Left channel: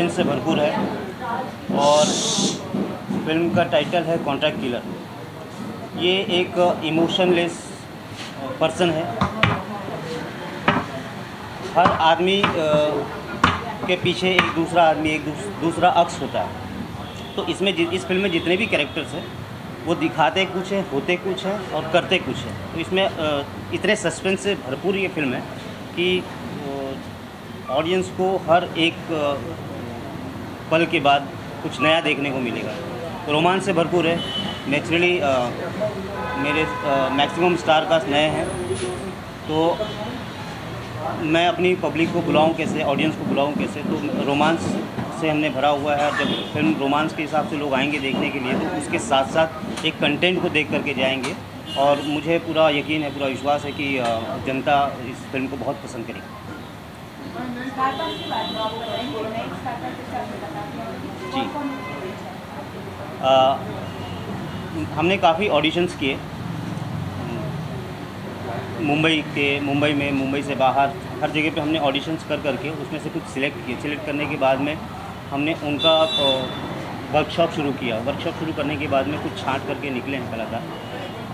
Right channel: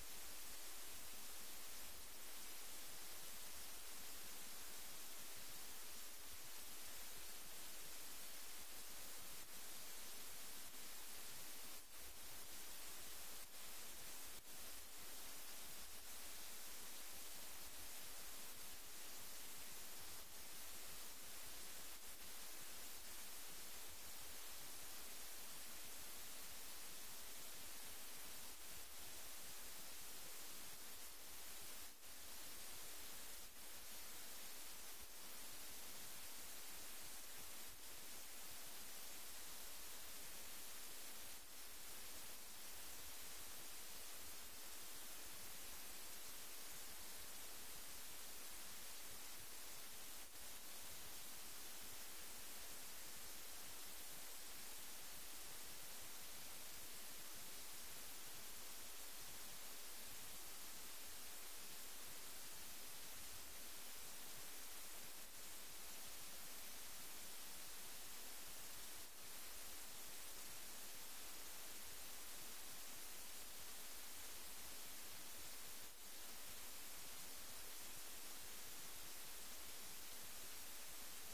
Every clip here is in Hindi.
सस्पेंस से भरपूर है और फिल्म का टाइटल है कॉन्ट्रैक्ट किलर। ये एक इमोशनलेस पर्सन है। हर आदमी के पीछे एक दूसरा आदमी, एक दूसरा अक्स होता है। तो इसमें इस फिल्म में जितने भी कैरेक्टर्स हैं वो दिखाते कुछ हैं, होते कुछ हैं और करते कुछ हैं। तो इसमें इतने सस्पेंस से भरपूर ये फिल्म है कि ऑडियंस को हर एक पल के बाद कुछ नया देखने को मिलेगा। रोमांस से भरपूर है। नेचुरली मेरे मैक्सिमम स्टार कास्ट नए हैं, तो मैं अपनी पब्लिक को बुलाऊं कैसे, ऑडियंस को बुलाऊं कैसे। तो रोमांस से हमने भरा हुआ है। जब फिल्म रोमांस के हिसाब से लोग आएंगे देखने के लिए, तो उसके साथ साथ एक कंटेंट को देख करके जाएंगे। और मुझे पूरा यकीन है, पूरा विश्वास है कि जनता इस फिल्म को बहुत पसंद करेगी। जी, हमने काफ़ी ऑडिशंस किए मुंबई से बाहर, हर जगह पे हमने ऑडिशंस कर करके उसमें से कुछ सिलेक्ट किए। सिलेक्ट करने के बाद में हमने उनका वर्कशॉप शुरू किया। वर्कशॉप शुरू करने के बाद में कुछ छांट करके निकले हैं कलाकार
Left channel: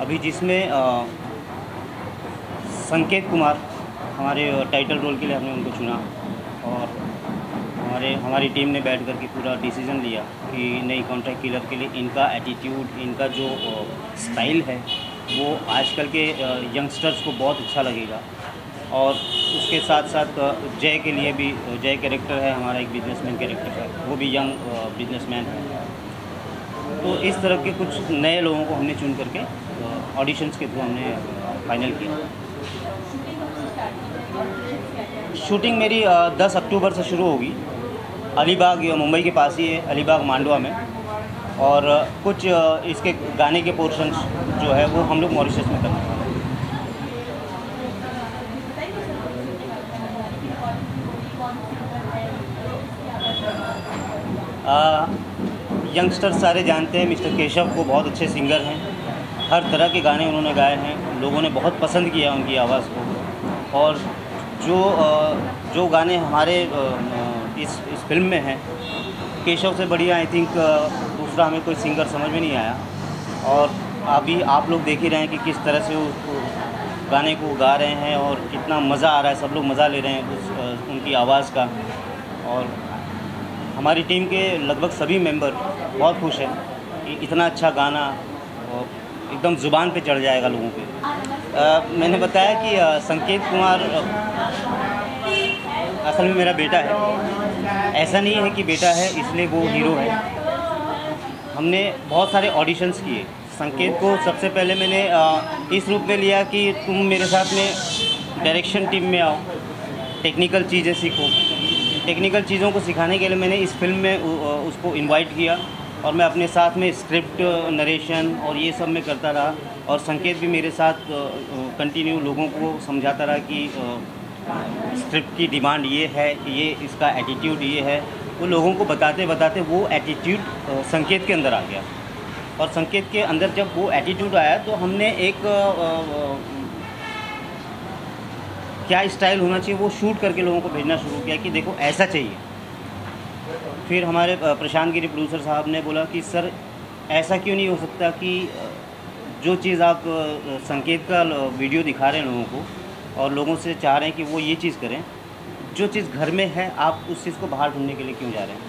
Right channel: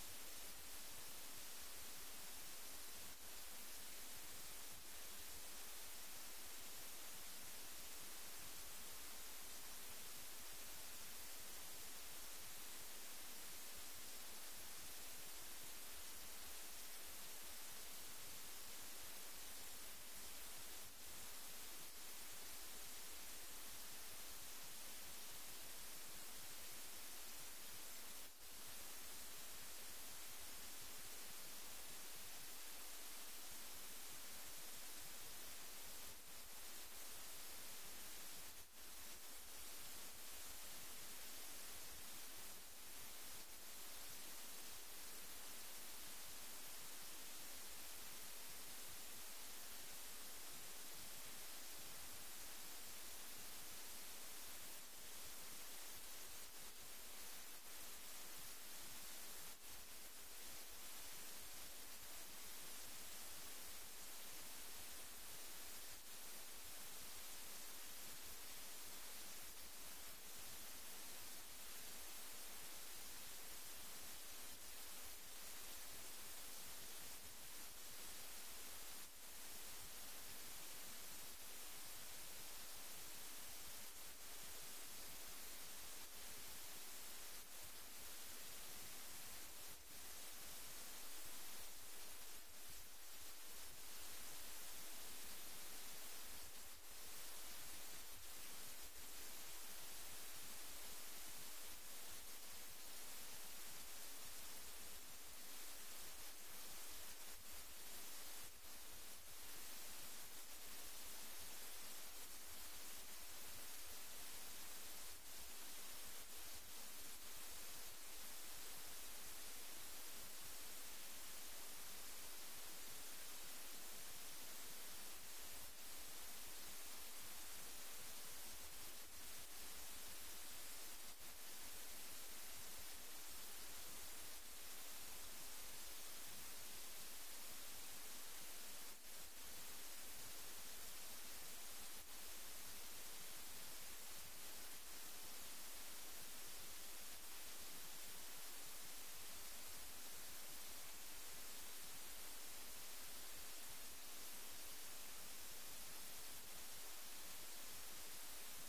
अभी, जिसमें संकेत कुमार हमारे टाइटल रोल के लिए हमने उनको चुना। और हमारी टीम ने बैठ करके पूरा डिसीज़न लिया कि नई कॉन्ट्रैक्ट किलर के लिए इनका एटीट्यूड, इनका जो स्टाइल है वो आजकल के यंगस्टर्स को बहुत अच्छा लगेगा। और उसके साथ साथ जय के लिए भी, जय कैरेक्टर है हमारा, एक बिजनेसमैन कैरेक्टर है, वो भी यंग बिजनेसमैन है। तो इस तरह के कुछ नए लोगों को हमने चुन करके ऑडिशंस के थ्रू हमने फाइनल किया। शूटिंग मेरी 10 अक्टूबर से शुरू होगी। अलीबाग, मुंबई के पास ही है, अलीबाग मांडवा में। और कुछ इसके गाने के पोर्शंस जो है वो हम लोग मॉरिशस में करने वाले हैं। यंगस्टर सारे जानते हैं मिस्टर केशव को, बहुत अच्छे सिंगर हैं। हर तरह के गाने उन्होंने गाए हैं, लोगों ने बहुत पसंद किया उनकी आवाज़ को। और जो गाने हमारे इस फिल्म में हैं, केशव से बढ़िया आई थिंक दूसरा हमें कोई सिंगर समझ में नहीं आया। और अभी आप लोग देख ही रहे हैं कि किस तरह से उस गाने को गा रहे हैं और कितना मज़ा आ रहा है, सब लोग मज़ा ले रहे हैं उनकी आवाज़ का। और हमारी टीम के लगभग सभी मेंबर बहुत खुश हैं कि इतना अच्छा गाना एकदम ज़ुबान पे चढ़ जाएगा लोगों पे। मैंने बताया कि संकेत कुमार असल में मेरा बेटा है। ऐसा नहीं है कि बेटा है इसलिए वो हीरो है। हमने बहुत सारे ऑडिशंस किए। संकेत को सबसे पहले मैंने इस रूप में लिया कि तुम मेरे साथ में डायरेक्शन टीम में आओ, टेक्निकल चीज़ें सीखो। टेक्निकल चीज़ों को सिखाने के लिए मैंने इस फिल्म में उसको इनवाइट किया और मैं अपने साथ में स्क्रिप्ट, नरेशन और ये सब मैं करता रहा। और संकेत भी मेरे साथ कंटिन्यू लोगों को समझाता रहा कि स्क्रिप्ट की डिमांड ये है, ये इसका एटीट्यूड ये है। वो लोगों को बताते बताते वो एटीट्यूड संकेत के अंदर आ गया। और संकेत के अंदर जब वो एटीट्यूड आया तो हमने एक क्या स्टाइल होना चाहिए वो शूट करके लोगों को भेजना शुरू किया कि देखो ऐसा चाहिए। फिर हमारे प्रशांत गिरी प्रोड्यूसर साहब ने बोला कि सर ऐसा क्यों नहीं हो सकता कि जो चीज़ आप संकेत का वीडियो दिखा रहे हैं लोगों को और लोगों से चाह रहे हैं कि वो ये चीज़ करें, जो चीज़ घर में है आप उस चीज़ को बाहर ढूंढने के लिए क्यों जा रहे हैं।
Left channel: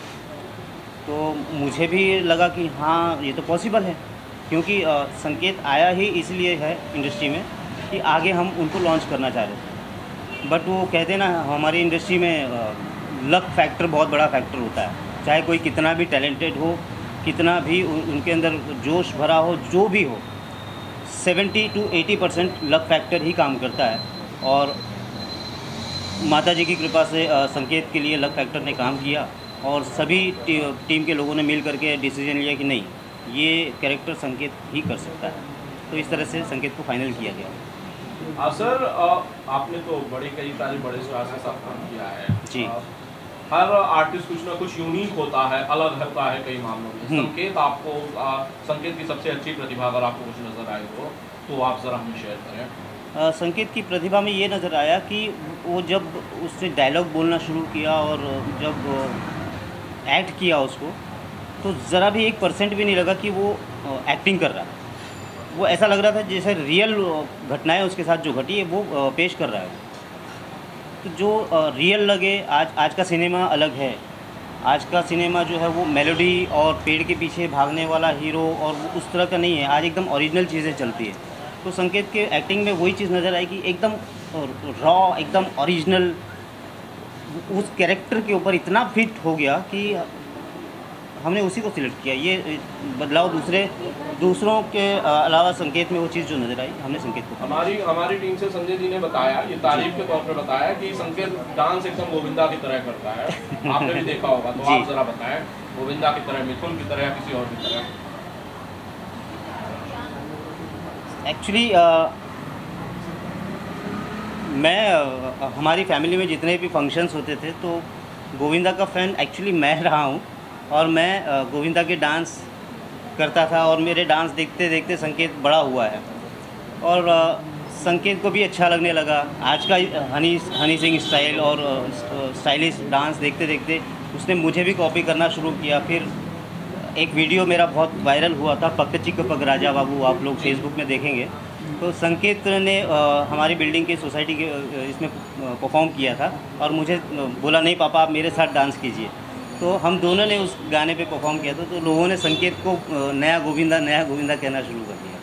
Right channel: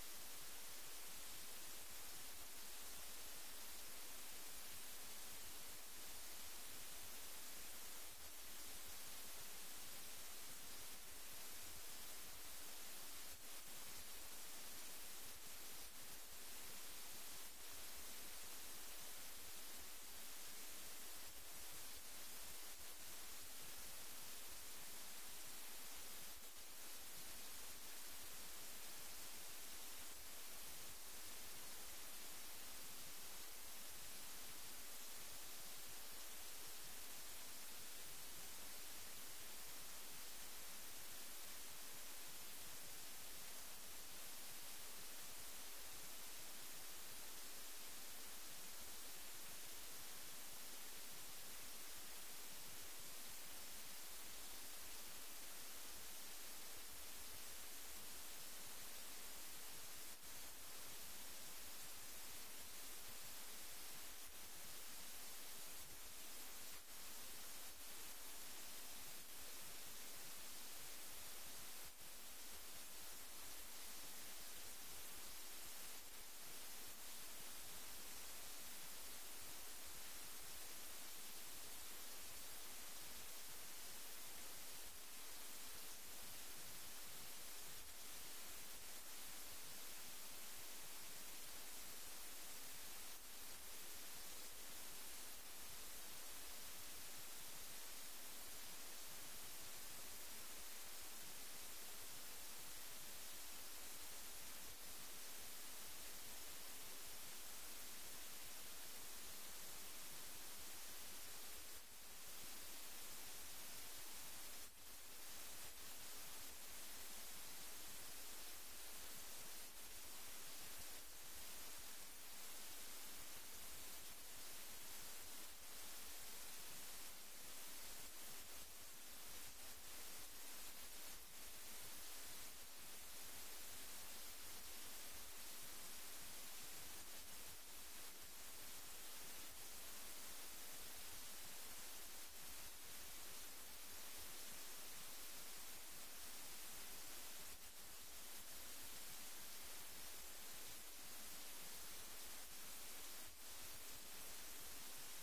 तो मुझे भी लगा कि हाँ ये तो पॉसिबल है, क्योंकि संकेत आया ही इसलिए है इंडस्ट्री में कि आगे हम उनको लॉन्च करना चाह रहे थे। बट वो कहते हैं ना, हमारी इंडस्ट्री में लक फैक्टर बहुत बड़ा फैक्टर होता है। चाहे कोई कितना भी टैलेंटेड हो, कितना भी उनके अंदर जोश भरा हो, जो भी हो, 70 to 80% लक फैक्टर ही काम करता है। और माता जी की कृपा से संकेत के लिए लक फैक्टर ने काम किया और सभी टीम के लोगों ने मिल करके डिसीजन लिया कि नहीं, ये कैरेक्टर संकेत ही कर सकता है। तो इस तरह से संकेत को फाइनल किया गया। सर आपने तो कई सारे बड़े स्टार्स के साथ काम किया है जी। हर आर्टिस्ट कुछ ना कुछ यूनिक होता है, अलग होता है कई मामलों में। संकेत की सबसे अच्छी प्रतिभा अगर आपको कुछ नज़र आए तो आप ज़रा हमें शेयर करें। संकेत की प्रतिभा में ये नज़र आया कि वो जब उससे डायलॉग बोलना शुरू किया और जब एक्ट किया उसको, तो ज़रा भी 1% भी नहीं लगा कि वो एक्टिंग कर रहा है। वो ऐसा लग रहा था जैसे रियल घटनाएं उसके साथ जो घटी है वो पेश कर रहा है। तो जो रियल लगे, आज का सिनेमा अलग है। आज का सिनेमा जो है वो मेलोडी और पेड़ के पीछे भागने वाला हीरो और वो उस तरह का नहीं है। आज एकदम ओरिजिनल चीज़ें चलती है। तो संकेत के एक्टिंग में वही चीज़ नज़र आई कि एकदम रॉ, एकदम ओरिजिनल, उस कैरेक्टर के ऊपर इतना फिट हो गया कि हमने उसी को सिलेक्ट किया। ये बदलाव दूसरों के अलावा संकेत में वो चीज़ जो नज़र आई, हमने संकेत को हमारी टीम से संजय जी ने बताया, ये तारीफ के तौर पे बताया कि संकेत डांस एकदम गोविंदा की तरह करता है। आपने भी देखा होगा, तो आप जरा बताएं, गोविंदा की तरह, मिथुन की तरह या किसी और की तरह? एक्चुअली मैं हमारी फैमिली में जितने भी फंक्शंस होते थे तो गोविंदा का फ़ैन एक्चुअली मैं रहा हूँ, और मैं गोविंदा के डांस करता था, और मेरे डांस देखते देखते संकेत बड़ा हुआ है, और संकेत को भी अच्छा लगने लगा। आज का हनी सिंह स्टाइल और स्टाइलिश डांस देखते देखते उसने मुझे भी कॉपी करना शुरू किया। फिर एक वीडियो मेरा बहुत वायरल हुआ था, पक चिक पक राजा बाबू, आप लोग फेसबुक में देखेंगे। तो संकेत ने हमारी बिल्डिंग के सोसाइटी के इसमें परफॉर्म किया था, और मुझे बोला नहीं पापा आप मेरे साथ डांस कीजिए। तो हम दोनों ने उस गाने पे परफॉर्म किया था, तो लोगों ने संकेत को नया गोविंदा कहना शुरू कर दिया।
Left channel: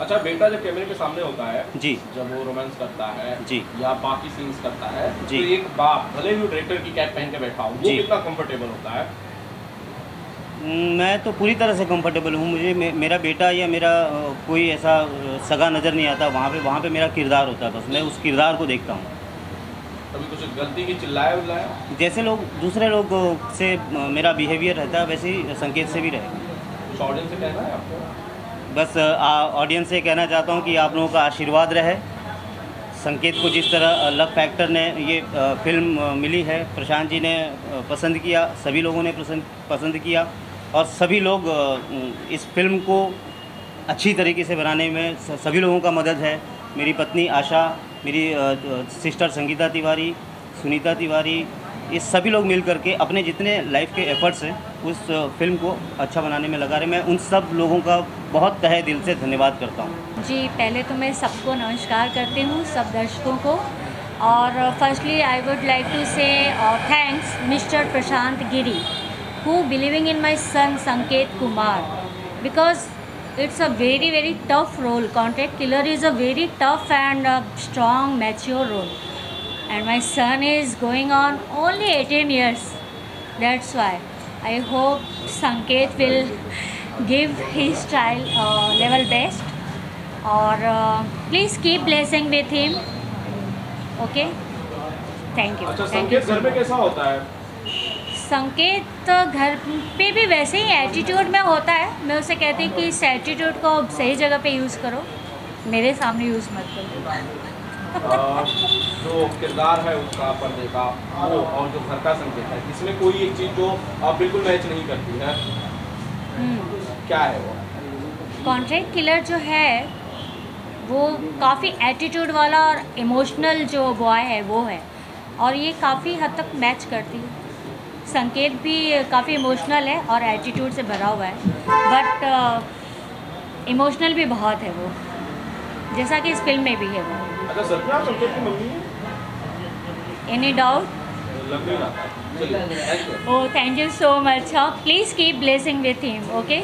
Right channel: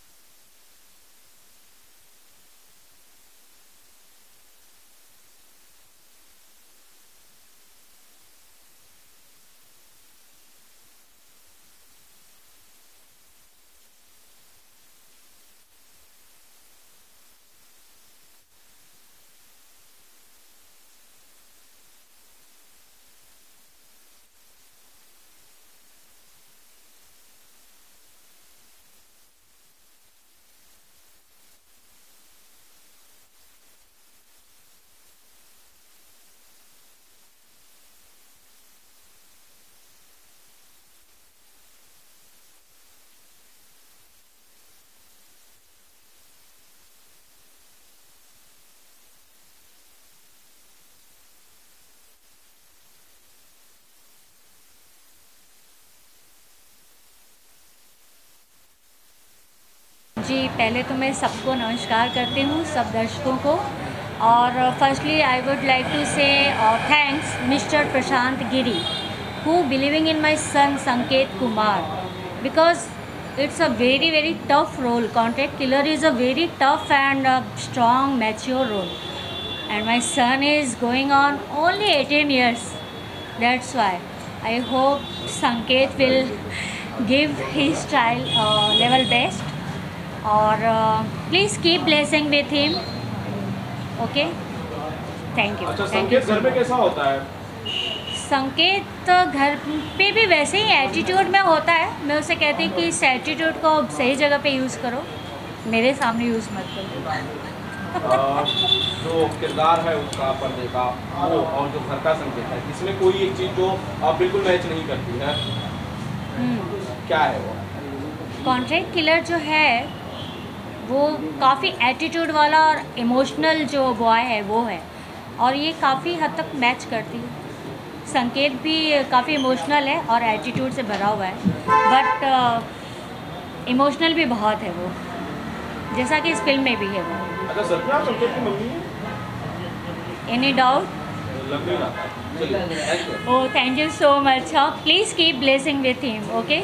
अच्छा, बेटा जब कैमरे के सामने होता है जी, जब वो रोमांस करता है जी, या बाकी सीन्स करता है, जी, तो एक बाप भले भी डायरेक्टर की कैप पहन के बैठा हो, वो कितना कंफर्टेबल होता है? मैं तो पूरी तरह से कंफर्टेबल हूँ। मुझे मेरा बेटा या मेरा कोई ऐसा सगा नज़र नहीं आता। वहाँ पे मेरा किरदार होता है, बस मैं उस किरदार को देखता हूँ। कभी कुछ गलती की चिल्लाया? जैसे दूसरे लोग से मेरा बिहेवियर रहता है, वैसे ही संकेत से भी रहेगा। कुछ ऑडियंस से कहना है आपको? बस ऑडियंस से कहना चाहता हूँ कि आप लोगों का आशीर्वाद रहे। संकेत को जिस तरह लव फैक्टर ने ये फिल्म मिली है, प्रशांत जी ने पसंद किया, सभी लोगों ने पसंद किया, और सभी लोग इस फिल्म को अच्छी तरीके से बनाने में सभी लोगों का मदद है। मेरी पत्नी आशा, मेरी सिस्टर संगीता तिवारी, सुनीता तिवारी, ये सभी लोग मिल करके अपने जितने लाइफ के एफर्ट्स हैं उस फिल्म को अच्छा बनाने में लगा रहे। मैं उन सब लोगों का बहुत तहे दिल से धन्यवाद करता हूँ। जी, पहले तो मैं सबको नमस्कार करती हूँ, सब दर्शकों को। और firstly I would like to say thanks mister Prashant Giri who believing in my son Sanket Kumar, because it's a very tough role. Contract killer is a very tough and strong, mature role, and my son is going on only 18 years. That's why I hope Sanket will give his child level best, or please keep blessing with him. Okay, thank you. अच्छा, संकेत घर में कैसा होता है? संकेत घर पे भी वैसे ही एटीट्यूड में होता है। मैं उसे कहती हूँ कि इस एटीट्यूड को सही जगह पे यूज़ करो, मेरे सामने यूज़ मत करो। जो किरदार है उसका पर्दे का वो और जो घर का संकेत है, इसमें कोई एक चीज़ जो बिल्कुल मैच नहीं करती है, क्या है वो? कॉन्ट्रैक्ट किलर जो है वो काफ़ी एटीट्यूड वाला और इमोशनल जो बॉय है वो है, और ये काफ़ी हद तक मैच करती है। संकेत भी काफ़ी इमोशनल है और एटीट्यूड से भरा हुआ है, बट इमोशनल भी बहुत है वो, जैसा कि इस फिल्म में भी है वो। अच्छा, सच में आप संकेत की मम्मी हैं? Any doubt? लग नहीं रहा। Oh, thank you so much. Please keep blessing with him. Okay,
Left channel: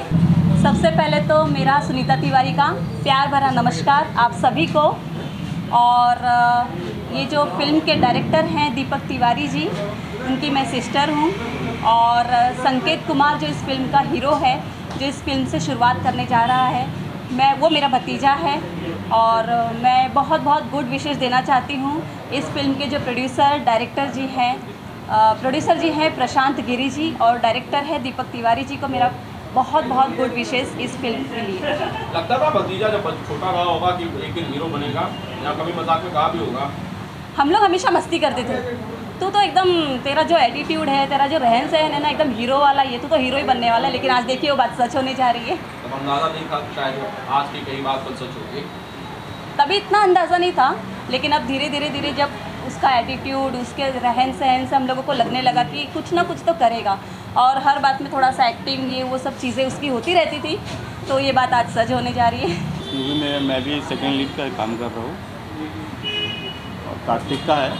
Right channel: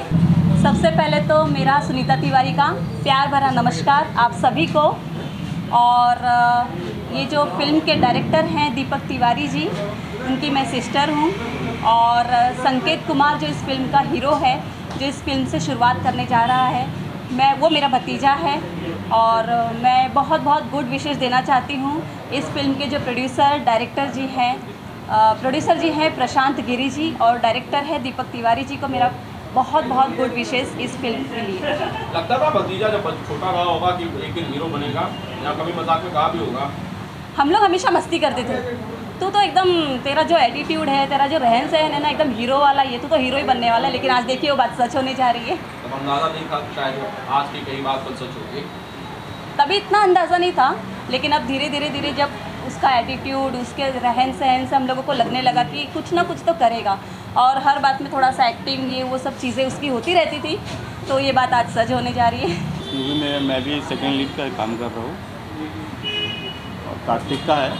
सबसे पहले तो मेरा सुनीता तिवारी का प्यार भरा नमस्कार आप सभी को। और ये जो फिल्म के डायरेक्टर हैं दीपक तिवारी जी, उनकी मैं सिस्टर हूँ। और संकेत कुमार जो इस फिल्म का हीरो है, जो इस फिल्म से शुरुआत करने जा रहा है, वो मेरा भतीजा है। और मैं बहुत बहुत गुड विशेस देना चाहती हूँ इस फिल्म के जो डायरेक्टर जी हैं प्रशांत गिरी जी, और डायरेक्टर है दीपक तिवारी जी को मेरा बहुत बहुत गुड विशेस इस फिल्म के लिए। लगता था भतीजा जब छोटा रहा होगा कि एक दिन हीरो बनेगा, या कभी मजाक में कहा भी होगा? हम लोग हमेशा मस्ती करते थे, तू तो एकदम, तेरा जो एटीट्यूड है, तेरा जो रहन सहन है ना, एकदम हीरो वाला, ये तू तो हीरो ही बनने वाला है। लेकिन आज देखिए वो बात सच होने जा रही है। तब अंदाज़ा नहीं था शायद आज की कई बात कल सच होगी? तभी इतना अंदाज़ा नहीं था, लेकिन अब धीरे धीरे जब उसका एटीट्यूड, उसके रहन सहन से हम लोगों को लगने लगा कि कुछ ना कुछ तो करेगा। और हर बात में थोड़ा सा एक्टिंग ये वो सब चीज़ें उसकी होती रहती थी, तो ये बात आज सच होने जा रही है। इस मूवी में मैं भी सेकेंड लीड का काम कर रहा हूँ और कार्तिक का है,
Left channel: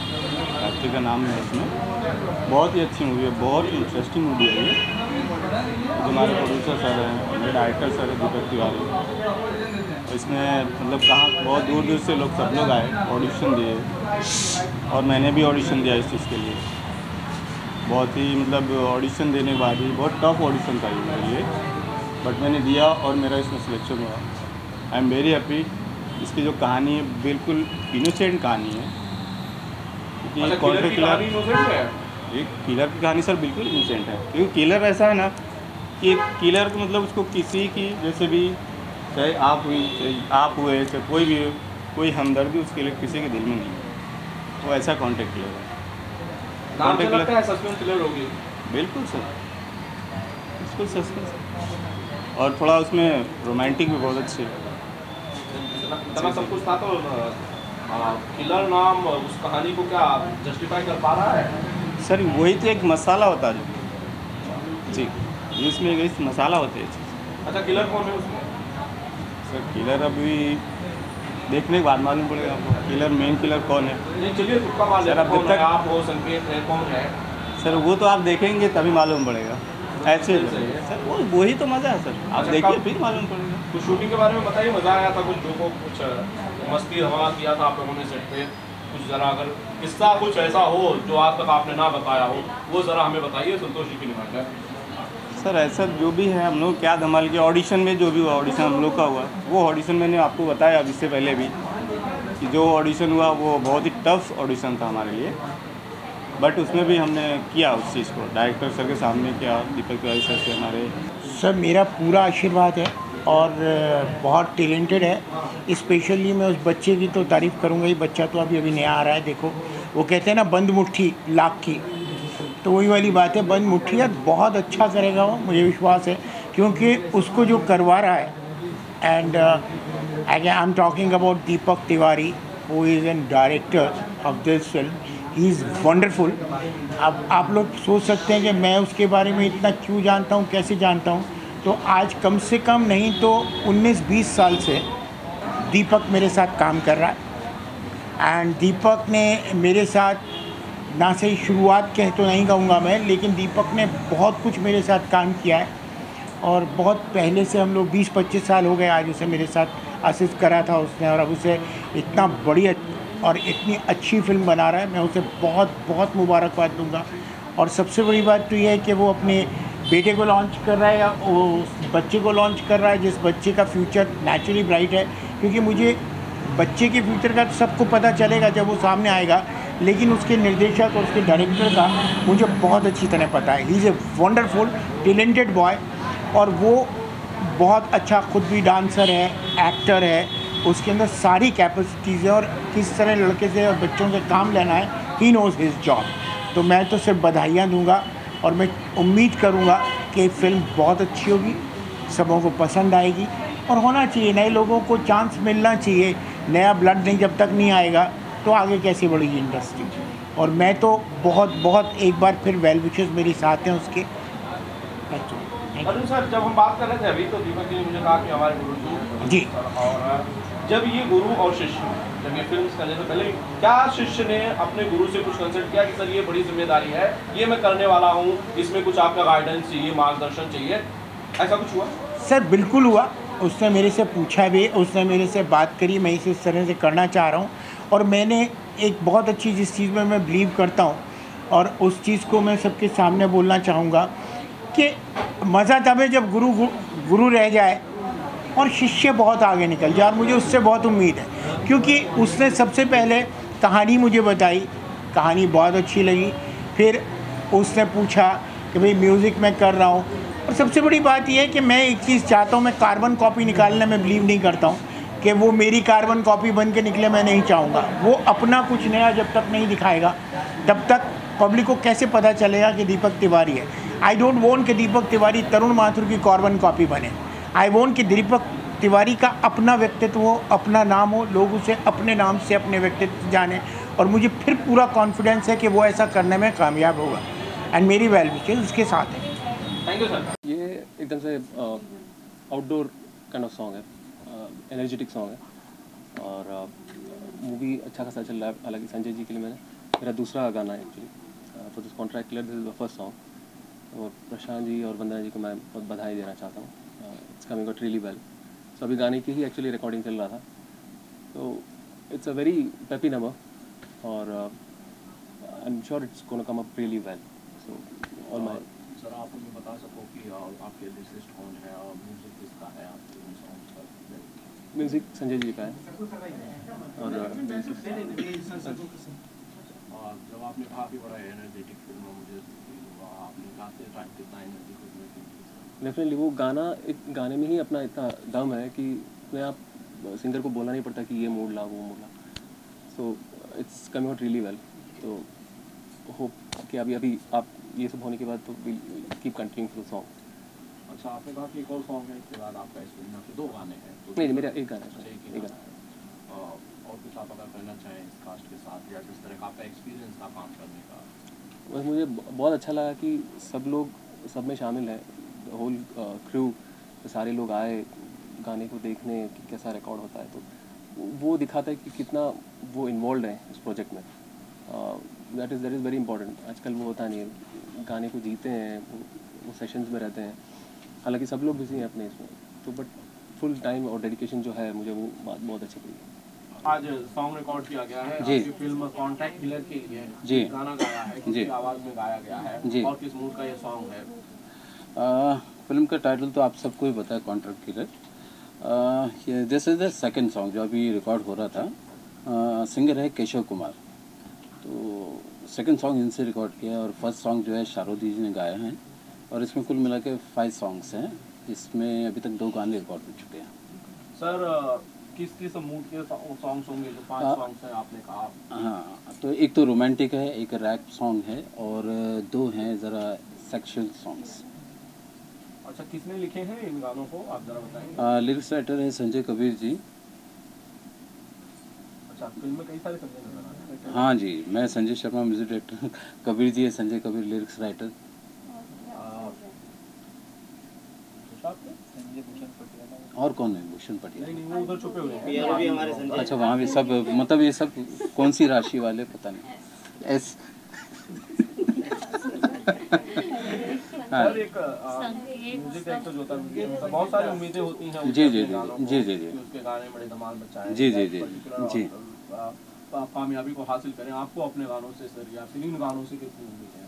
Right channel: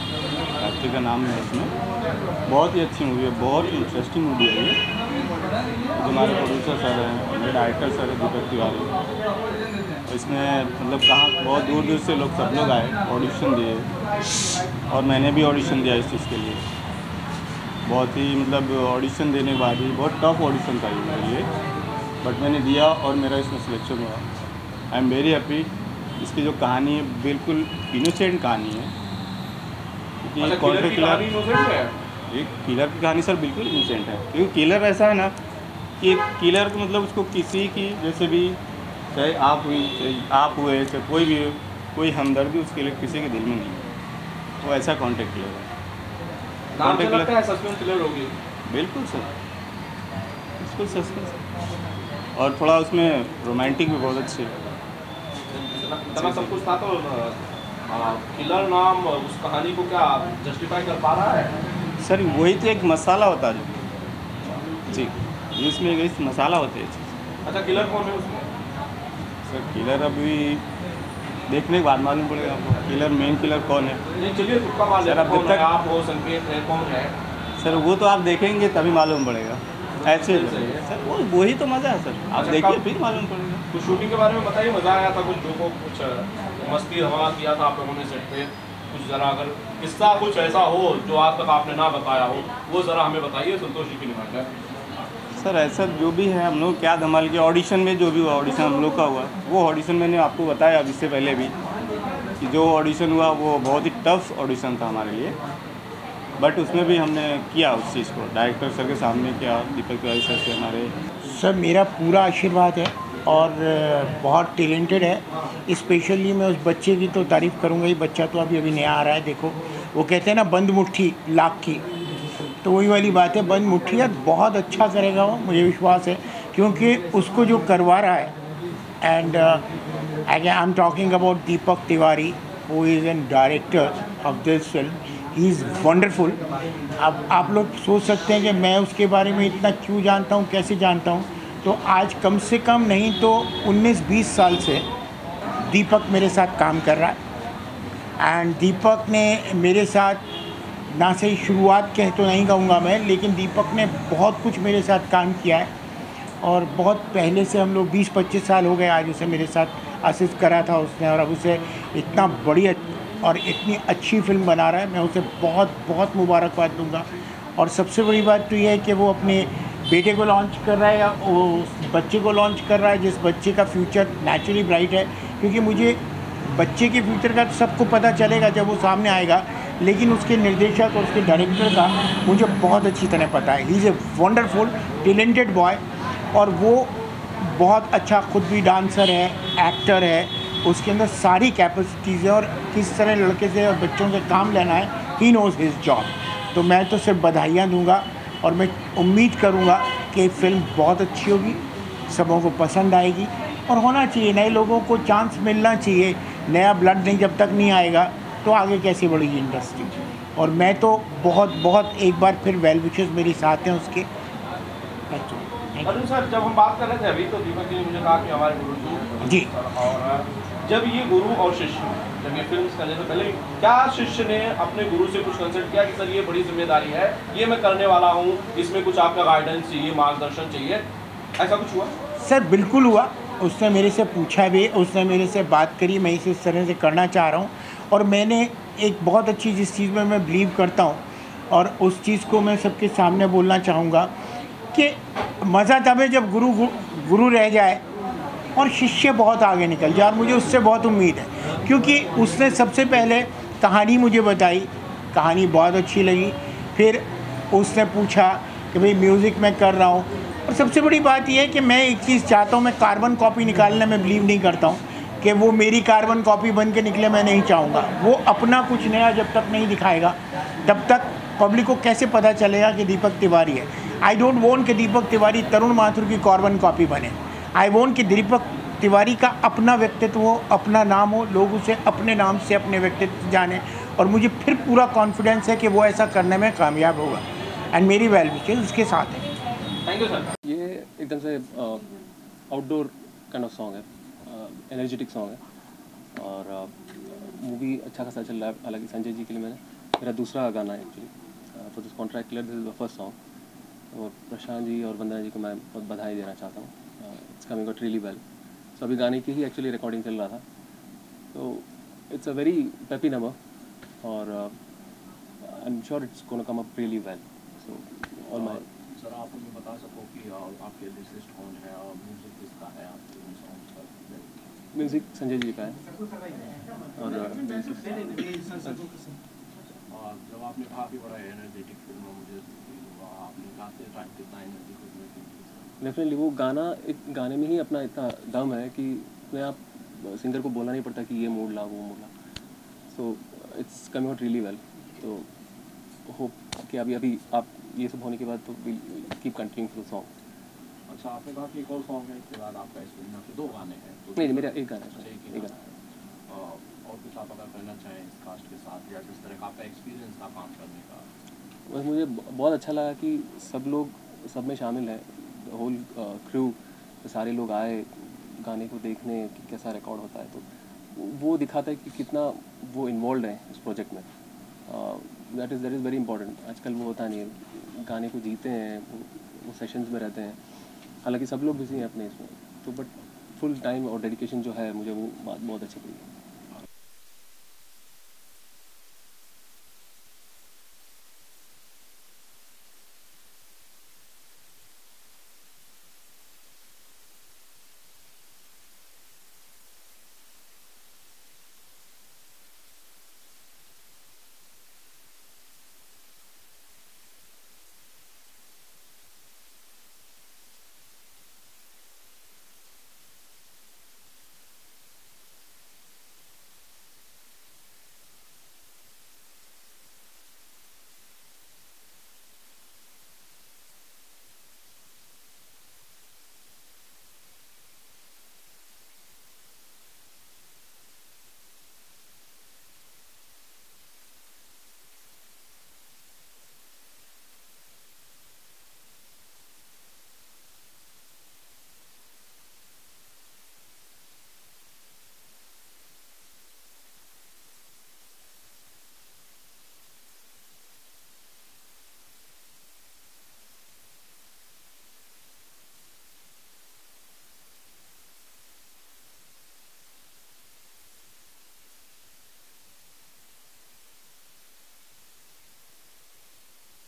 कार्तिक का नाम है इसमें। बहुत ही अच्छी मूवी है, बहुत ही इंटरेस्टिंग मूवी है ये। जो हमारे प्रोड्यूसर सर हैं, मेरे डायरेक्टर सर है दीपक तिवारी। इसमें मतलब कहाँ बहुत दूर दूर से लोग सब लोग आए, ऑडिशन दिए और मैंने भी ऑडिशन दिया इस चीज़ के लिए। बहुत ही मतलब ऑडिशन देने के बाद ही बहुत टफ ऑडिशन था ये मेरे लिए, बट मैंने दिया और मेरा इसमें सिलेक्शन हुआ। I am very happy. इसकी जो कहानी है बिल्कुल इनोसेंट कहानी है, क्योंकि किलर की कहानी innocent है? एक किलर की कहानी सर बिल्कुल इनोसेंट है, क्योंकि किलर ऐसा है ना कि किलर को मतलब उसको किसी की जैसे भी, चाहे आप हुई चाहे आप हुए चाहे कोई भी हो, कोई हमदर्दी उसके लिए किसी के दिल में नहीं है। वो ऐसा कॉन्टेक्ट किलर है। नाम से लगता है सस्पेंस थ्रिलर होगी। बिल्कुल सर, बिल्कुल सस्पेंस और थोड़ा उसमें रोमांटिक भी बहुत अच्छी है। इतना सब कुछ था तो किलर नाम उस कहानी को क्या जस्टिफाई कर पा रहा है? सर वही तो एक मसाला होता है जो जी, इसमें एक मसाला होते हैं। अच्छा, किलर कौन है उसमें? सर किलर अभी देखने के बाद मालूम पड़ेगा आपको, किलर मेन किलर कौन है। नहीं चलिए तुक्का मार लेते हैं, कौन है? आप हो, संकेत है, कौन है? सर वो तो आप देखेंगे तभी मालूम पड़ेगा। ऐसे सर वही तो मज़ा है सर, आप देखिए फिर मालूम पड़ेगा। कुछ शूटिंग के बारे में बताइए, मज़ा आया था कुछ लोगों को, कुछ मस्ती हवा किया था आप लोगों ने सेट पे? कुछ ज़रा अगर किस्सा कुछ ऐसा हो जो आज तक आपने ना बताया हो, वो ज़रा हमें बताइए संतोष जी की निगाह में। सर ऐसा जो भी है हम लोग क्या धमाल के ऑडिशन में जो भी हुआ, ऑडिशन हम लोग का हुआ, वो ऑडिशन मैंने आपको बताया अब इससे पहले भी कि जो ऑडिशन हुआ वो बहुत ही टफ ऑडिशन था हमारे लिए, बट उसमें भी हमने किया उस चीज़ को, डायरेक्टर सर के सामने किया, दीपक तिवारी सर से हमारे। सर मेरा पूरा आशीर्वाद है और बहुत टैलेंटेड है। स्पेशली मैं उस बच्चे की तो तारीफ़ करूँगा ही, बच्चा तो अभी नया आ रहा है। देखो वो कहते हैं ना बंद मुट्ठी लाख की, तो वही वाली बात है, बंद मुट्ठी है। बहुत अच्छा करेगा वो, मुझे विश्वास है, क्योंकि उसको जो करवा रहा है। And I am talking about Deepak Tiwari who is an director of this film. He is wonderful. अब आप लोग सोच सकते हैं कि मैं उसके बारे में इतना क्यों जानता हूँ, कैसे जानता हूँ। तो आज कम से कम नहीं तो 19-20 साल से दीपक मेरे साथ काम कर रहा है। एंड दीपक ने मेरे साथ ना से शुरुआत कह तो नहीं कहूँगा मैं, लेकिन दीपक ने बहुत कुछ मेरे साथ काम किया है और बहुत पहले से हम लोग 20-25 साल हो गए आज उसे मेरे साथ असिस्ट करा था उसने, और अब उसे इतना बड़ी और इतनी अच्छी फिल्म बना रहा है। मैं उसे बहुत बहुत मुबारकबाद दूंगा। और सबसे बड़ी बात तो ये है कि वो अपने बेटे को लॉन्च कर रहा है या उस बच्चे को लॉन्च कर रहा है, जिस बच्चे का फ्यूचर नेचुरली ब्राइट है। क्योंकि मुझे बच्चे के फ्यूचर का तो सबको पता चलेगा जब वो सामने आएगा, लेकिन उसके निर्देशक और उसके डायरेक्टर का मुझे बहुत अच्छी तरह पता है। He is a wonderful talented boy और वो बहुत अच्छा खुद भी डांसर है, एक्टर है, उसके अंदर सारी कैपेसिटीज़ है और किस तरह लड़के से और बच्चों से काम लेना है, ही नोज़ हिज जॉब। तो मैं तो सिर्फ बधाइयाँ दूंगा और मैं उम्मीद करूंगा कि फिल्म बहुत अच्छी होगी, सबों को पसंद आएगी और होना चाहिए, नए लोगों को चांस मिलना चाहिए। नया ब्लड नहीं जब तक नहीं आएगा तो आगे कैसे बढ़ेगी इंडस्ट्री। और मैं तो बहुत बहुत एक बार फिर वेल विशेस मेरे साथ हैं उसके। अर्जुन सर, जब हम बात कर रहे थे अभी तो दीपक जी ने मुझे कहा कि हमारे गुरु जी, और जब ये गुरु और शिष्य, जब ये फिल्म करने से पहले क्या शिष्य ने अपने गुरु से कुछ कंसल्ट किया कि सर ये बड़ी जिम्मेदारी है, ये मैं करने वाला हूँ, इसमें कुछ आपका गाइडेंस चाहिए, मार्गदर्शन चाहिए, ऐसा कुछ हुआ? सर बिल्कुल हुआ। उसने मेरे से पूछा भी, उसने मेरे से बात करी, मैं इस तरह से करना चाह रहा हूँ। और मैंने एक बहुत अच्छी जिस चीज़ में मैं बिलीव करता हूँ और उस चीज़ को मैं सबके सामने बोलना चाहूँगा कि मज़ा तब है जब गुरु रह जाए और शिष्य बहुत आगे निकल जाए। और मुझे उससे बहुत उम्मीद है, क्योंकि उसने सबसे पहले कहानी मुझे बताई, कहानी बहुत अच्छी लगी। फिर उसने पूछा कि भाई म्यूज़िक मैं कर रहा हूँ, और सबसे बड़ी बात यह है कि मैं एक चीज़ चाहता हूँ, मैं कार्बन कॉपी निकालने में बिलीव नहीं करता हूँ कि वो मेरी कार्बन कॉपी बन के निकले, मैं नहीं चाहूँगा। वो अपना कुछ नया जब तक नहीं दिखाएगा तब तक पब्लिक को कैसे पता चलेगा कि दीपक तिवारी है। आई डोंट वॉन्ट कि दीपक तिवारी तरुण माथुर की कार्बन कॉपी बने। आई वॉन्ट कि दीपक तिवारी का अपना व्यक्तित्व हो, अपना नाम हो, लोग उसे अपने नाम से अपने व्यक्तित्व जाने। और मुझे फिर पूरा कॉन्फिडेंस है कि वो ऐसा करने में कामयाब होगा। एंड मेरी वेल विशेस उसके साथ है। Thank you sir. ये एकदम से आउटडोर काइंड ऑफ सॉन्ग है, एनर्जेटिक सॉन्ग है और मूवी अच्छा खासा चल रहा है। हालांकि संजय जी के लिए मेरा दूसरा गाना है actually for this contract clear, this is the first song. और प्रशांत जी और वंदना जी को मैं बहुत बधाई देना चाहता हूँ। It's coming out really well. So अभी गाने की ही एक्चुअली रिकॉर्डिंग चल रहा था, तो it's a very peppy number और I am sure it's gonna come up really well. So all my sir आप मुझे बता सको कि आपके लिरिसिस्ट कौन है और म्यूजिक किसका है आपके इन सॉन्ग्स का? म्यूज़िक संजय जी का है और जब आपने कहा कि बड़ा एनर्जेटिक फिल्म है, मुझे आपने गाते टाइम कितना एनर्जी खुद में फील? डेफिनेटली वो गाना एक गाने में ही अपना इतना दम है कि उसमें आप सिंगर को बोलना नहीं पड़ता कि ये मूड ला वो मूड ला। So it's coming out really well. तो होप कि अभी आप ये सब होने के बाद तो keep continuing for the song. अच्छा, आपने कहा कि एक और सॉन्ग है, इसके बाद आपका इस फिल्म में 2 गाने हैं। तो नहीं, मेरा एक गाना है, एक एक गाना है। और कुछ आप अगर कहना चाहें इस कास्ट के साथ या किस तरह का आपका एक्सपीरियंस था काम करने का? बस मुझे बहुत अच्छा लगा कि सब लोग सब में शामिल है, होल क्रू, सारे लोग आए गाने को देखने कि कैसा रिकॉर्ड होता है। तो वो दिखाता है कि कितना वो इन्वॉल्व है इस प्रोजेक्ट में। That is very important. आजकल वो होता नहीं है, गाने को जीते हैं, वो सेशंस में रहते हैं। हालांकि सब लोग बिजी हैं अपने इसमें, तो बट फुल टाइम और डेडिकेशन जो है मुझे वो बात बहुत अच्छी लगी। आज सॉन्ग रिकॉर्ड किया गया है जी। आपकी फिल्म कॉन्ट्रैक्ट किलर के लिए जी। गाना गाया है, किसकी आवाज़ में गाया गया है जी। और किस मूड का ये सॉन्ग है? फिल्म का टाइटल तो आप सबको ही पता है, contract killer. This is the second song जो अभी रिकॉर्ड हो रहा था। सिंगर है केशव कुमार। तो सेकंड सॉन्ग इनसे रिकॉर्ड किया और फर्स्ट सॉन्ग जो है शारोदी जी ने गाया है। और इसमें कुल मिला के 5 सॉन्ग्स हैं। इसमें अभी तक 2 गाने रिकॉर्ड हो चुके हैं। सर किस मूड के सॉन्ग्स होंगे जो 5 सॉन्ग्स हैं आपने कहा? हाँ, तो एक तो रोमांटिक है, एक रैप सॉन्ग है और 2 हैं ज़रा सेक्सुअल सॉन्ग्स। अच्छा, किसने लिखे हैं इन गानों को, आप जरा बताएंगे? लिरिक्स राइटर है संजय कबीर जी। अच्छा, फिल्म में कई सारे संजय नजर आ रहे हैं। हाँ जी, मैं संजय शर्मा म्यूजिक डायरेक्टर, कबीर जी है संजय कबीर लिरिक्स राइटर। और कौन है? भूषण पटियाला। नहीं, वो उधर छुपे हुए हैं। पियानो भी हमारे संजय। अच्छा, वहाँ भी सब, मतलब ये सब कौन सी राशि वाले पता नहीं। एस हाँ सर एक म्यूजिक डायरेक्टर जो होता है, बहुत सारी उम्मीदें होती हैं जी उसके जी गानों को, जी जी जी कि उसके गाने बड़े धमाल मचाएं, जी जी जी जी। कामयाबी को हासिल करें। आपको अपने गानों से सर या फिर इन गानों से कितनी उम्मीद है?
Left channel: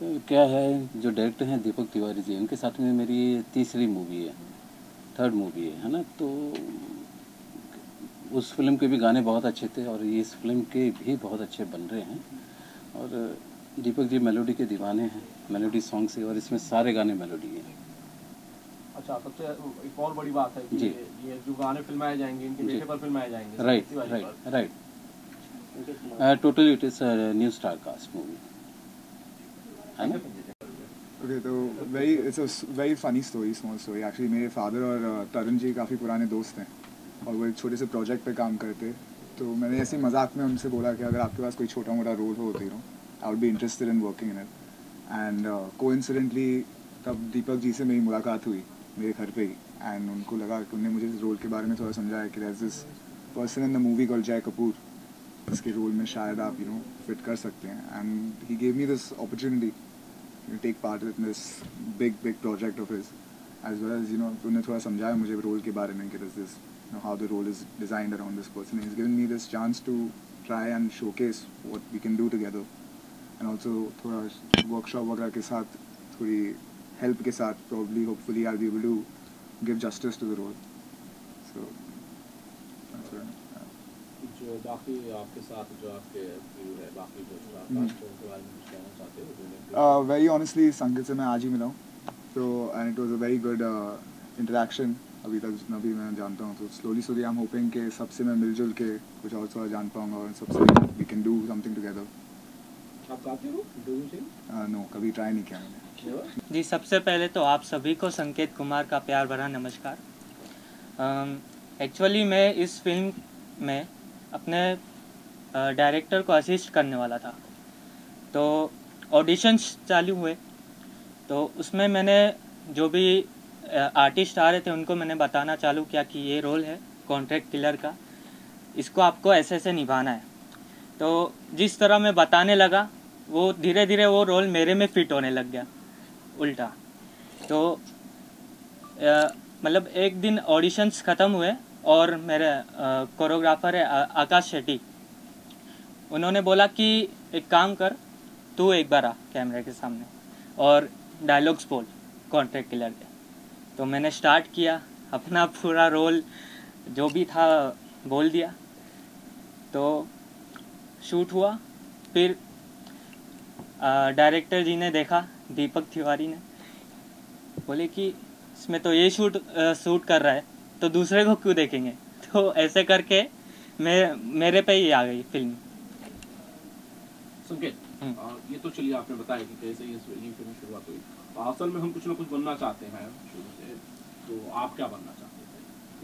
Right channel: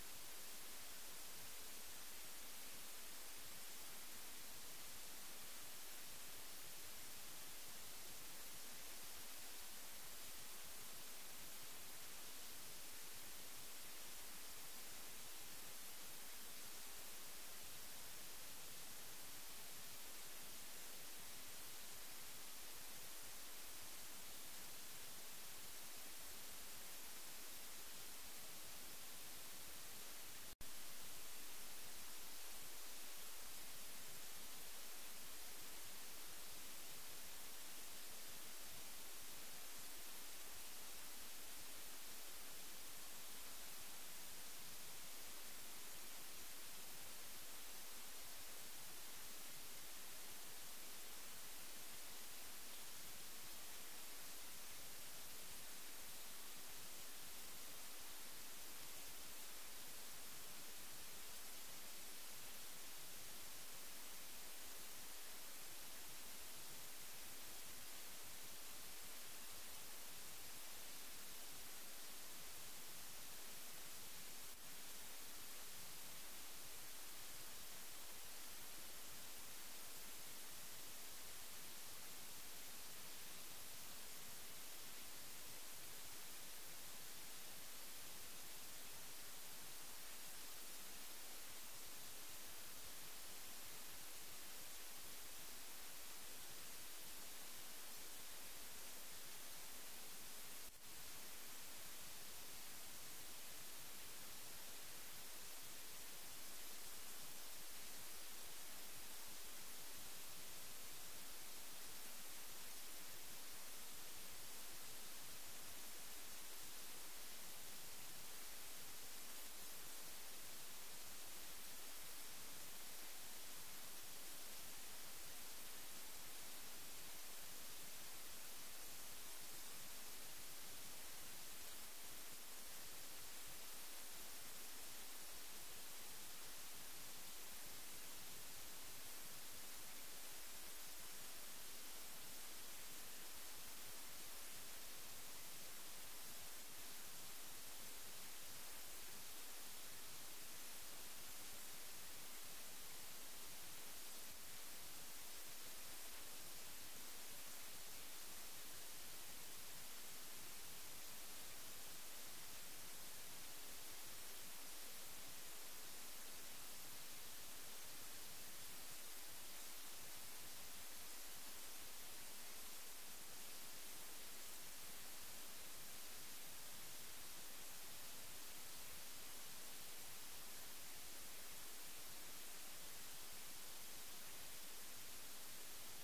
तो क्या है, जो डायरेक्टर हैं दीपक तिवारी जी, उनके साथ में मेरी ये 3री मूवी है, 3rd मूवी है ना। तो उस फिल्म के भी गाने बहुत अच्छे थे और ये इस फिल्म के भी बहुत अच्छे बन रहे हैं। और दीपक जी मेलोडी के दीवाने हैं, मेलोडी सॉन्ग से, और इसमें सारे गाने मेलोडी हैं। अच्छा, सबसे एक और बड़ी बात है कि जी। ये जो गाने फिल्माए जाएंगे, इनके बेटे पर फिल्माए जाएंगे। Right right right. Totally it is new star cast movie है ना। ओके, तो it's a very funny story, small story actually. मेरे फादर और तरुण जी काफ़ी पुराने दोस्त हैं और वो एक छोटे से प्रोजेक्ट पे काम करते। तो मैंने ऐसे ही मजाक में उनसे बोला कि अगर आपके पास कोई छोटा मोटा रोल हो, होती हो, I would be interested in working in it. And coincidentally तब दीपक जी से मेरी मुलाकात हुई मेरे घर पे ही। एंड उनको लगा कि उन्होंने मुझे इस रोल के बारे में थोड़ा समझाया कि there is this person in the movie called Jay Kapoor, इसके रोल में शायद आप फिट कर सकते हैं। And he gave me this opportunity to take part in this big project of his, as well as उन्होंने थोड़ा समझाया मुझे रोल के बारे में कि this is how the role is designed around this person. He's given me this chance to try and showcase what we can do together, and also थोड़ा workshop वगैरह के साथ, थोड़ी help के साथ probably hopefully I'll be able to give justice to the role. So that's right. जो बाकी आपके साथ जो आपके crew है, बाकी जो कास्ट है, उनके बारे में कुछ कहना चाहते हो? Very honestly, संगीत से मैं आज ही मिला हूँ, तो and it was a very good interaction. अभी तक जितना भी मैं जानता हूँ, तो slowly I'm hoping कि सबसे मैं मिलजुल के कुछ और थोड़ा जान पाऊँगा और सबसे we can do something together. आप काफी हो? No, कभी ट्राई नहीं किया मैंने। जी, सबसे पहले तो आप सभी को संकेत कुमार का प्यार भरा नमस्कार। एक्चुअली मैं इस फिल्म में अपने डायरेक्टर को असिस्ट करने वाला था, तो ऑडिशंस चालू हुए, तो उसमें मैंने जो भी आर्टिस्ट आ रहे थे उनको मैंने बताना चालू किया कि ये रोल है कॉन्ट्रैक्ट किलर का, इसको आपको ऐसे ऐसे निभाना है। तो जिस तरह मैं बताने लगा वो धीरे धीरे वो रोल मेरे में फिट होने लग गया उल्टा। तो मतलब एक दिन ऑडिशंस ख़त्म हुए और मेरे कोरियोग्राफर है आकाश शेट्टी, उन्होंने बोला कि एक काम कर, तू एक बार आ कैमरे के सामने और डायलॉग्स बोल कॉन्ट्रैक्ट किलर के। तो मैंने स्टार्ट किया, अपना पूरा रोल जो भी था बोल दिया। तो शूट हुआ, फिर डायरेक्टर जी ने देखा, दीपक तिवारी ने, बोले कि इसमें तो ये शूट कर रहा है तो दूसरे को क्यों देखेंगे। तो ऐसे करके मेरे पे ही आ गई फिल्म। संकेत, ये तो चलिए आपने बताया कि कैसे ये फिल्म शुरुआत हुई। असल में हम कुछ ना कुछ बनना चाहते हैं शुरू से, तो आप क्या बनना चाहते हैं?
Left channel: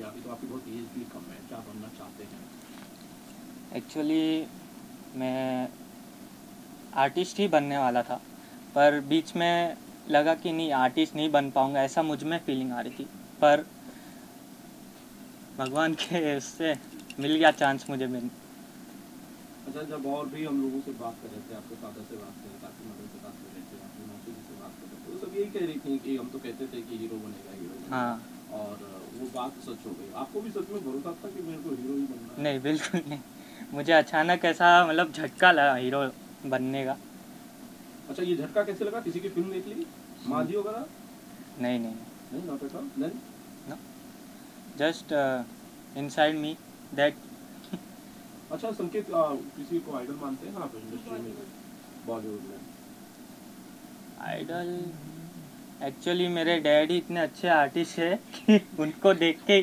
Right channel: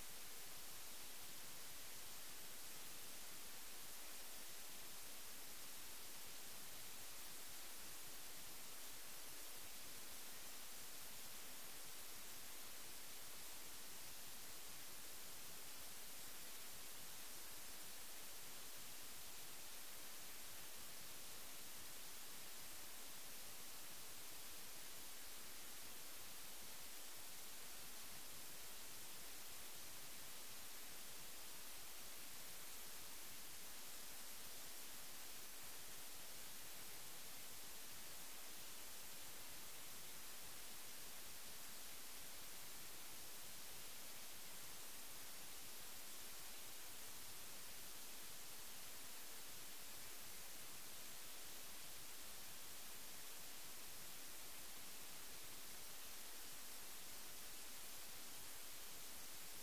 या तो आपकी बहुत एज भी कम है, क्या बनना चाहते हैं? एक्चुअली मैं आर्टिस्ट ही बनने वाला था, पर बीच में लगा कि नहीं आर्टिस्ट नहीं बन पाऊंगा, ऐसा मुझ में फीलिंग आ रही थी। पर भगवान के उससे मिल गया चांस मुझे मिल। अच्छा, जब और भी हम लोगों से बात कर रहे थे, आपके फादर से बात कर रहे थे, आपकी मदर से बात कर रहे थे, आपकी माता जी से बात कर रहे थे, तो सब यही कह रही थी कि हम तो कहते थे कि हीरो बनेगा, हीरो बनेगा। हाँ, और वो बात सच हो गई। आपको भी सच में भरोसा था कि मेरे को हीरो ही बनना है? नहीं बिल्कुल नहीं, मुझे अचानक ऐसा मतलब झटका लगा हीरो बनने का। अच्छा, ये झटका कैसे लगा? किसी की फिल्म देख ली, माझी वगैरह? नहीं नहीं नहीं, not at all. Then just inside me that. अच्छा संकेत, किसी को आइडल मानते हैं आप इंडस्ट्री में, बॉलीवुड में? आइडल एक्चुअली मेरे डैडी इतने अच्छे आर्टिस्ट है कि उनको देख के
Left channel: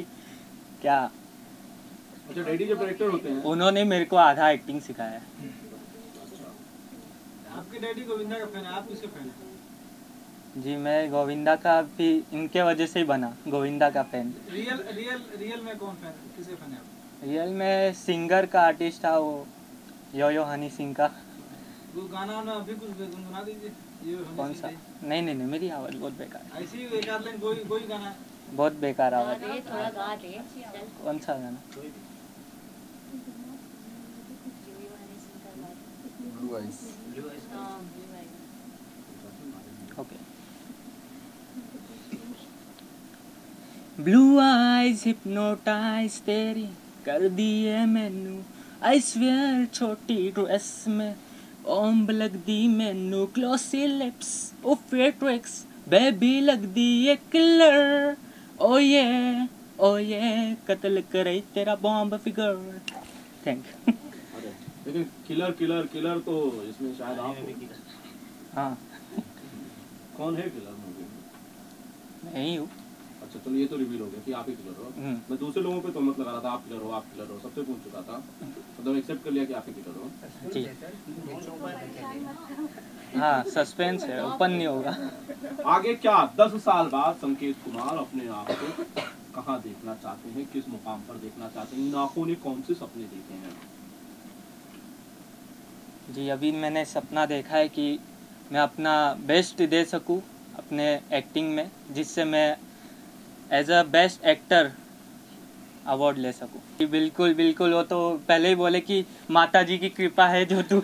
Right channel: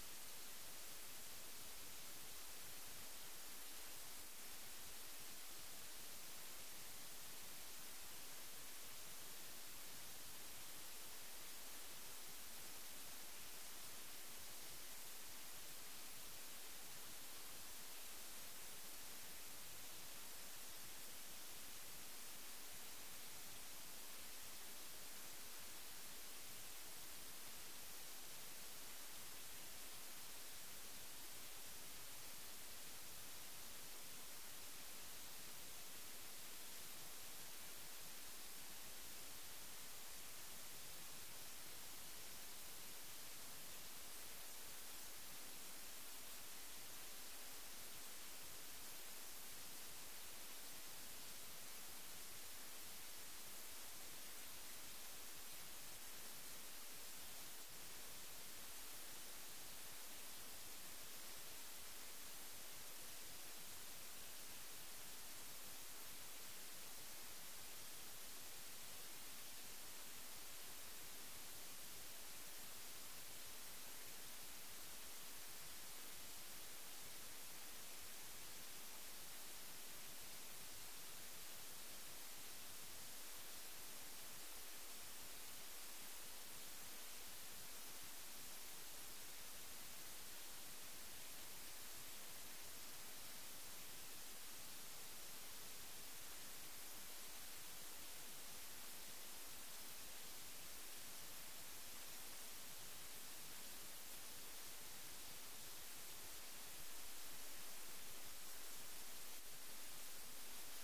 क्या। अच्छा, डैडी जब डायरेक्टर होते हैं, उन्होंने मेरे को आधा एक्टिंग सिखाया है। आपके डैडी गोविंदा का फैन है, आप किसके फैन हैं? जी, मैं गोविंदा का भी इनके वजह से ही बना गोविंदा का फैन। रियल में कौन फैन, किसके फैन है आप? रियल में सिंगर का आर्टिस्ट था वो यो हनी सिंह का। वो गाना वाना अभी कुछ गुनगुना दीजिए। कौन सा? नहीं नहीं नहीं, मेरी आवाज़ बहुत बेकार। ऐसे ही एक आध लाइन कोई गाना। बहुत बेकार आवाज़। थोड़ा गा दे। कौन सा गाना? ओके। ब्लू आइज हिप्नोटाइज तेरी कर दिए मैनू, आई स्वेयर छोटी ड्रेस में ओम्ब लग दी मैनू, ग्लॉसी लिप्स ओ फेट्रिक्स बेबी लग दी ये किलर, ओ ये कत्ल करे तेरा बॉम्ब फिगर। Thank you. लेकिन किलर तो इसमें शायद आप हो। हाँ। कौन है किलर मूवी? नहीं हूँ। अच्छा, चलो ये तो रिवील हो गया कि आप ही किलर हो। मैं दूसरे लोगों पे तो मत लगा रहा था आप किलर हो, सबसे पूछ चुका था, मतलब एक्सेप्ट कर लिया कि आप ही किलर हो। जी हाँ, सस्पेंस है, ओपन नहीं होगा। आगे क्या 10 साल बाद संकेत कुमार अपने आप को कहाँ देखना चाहते हैं, किस मुकाम पर देखना चाहते हैं? इन आँखों ने कौन से सपने देखे हैं? जी, अभी मैंने सपना देखा है कि मैं अपना बेस्ट दे सकूं अपने एक्टिंग में, जिससे मैं as a best actor award ले सकूं। बिल्कुल बिल्कुल, वो तो पहले ही बोले कि माता जी की कृपा है जो तू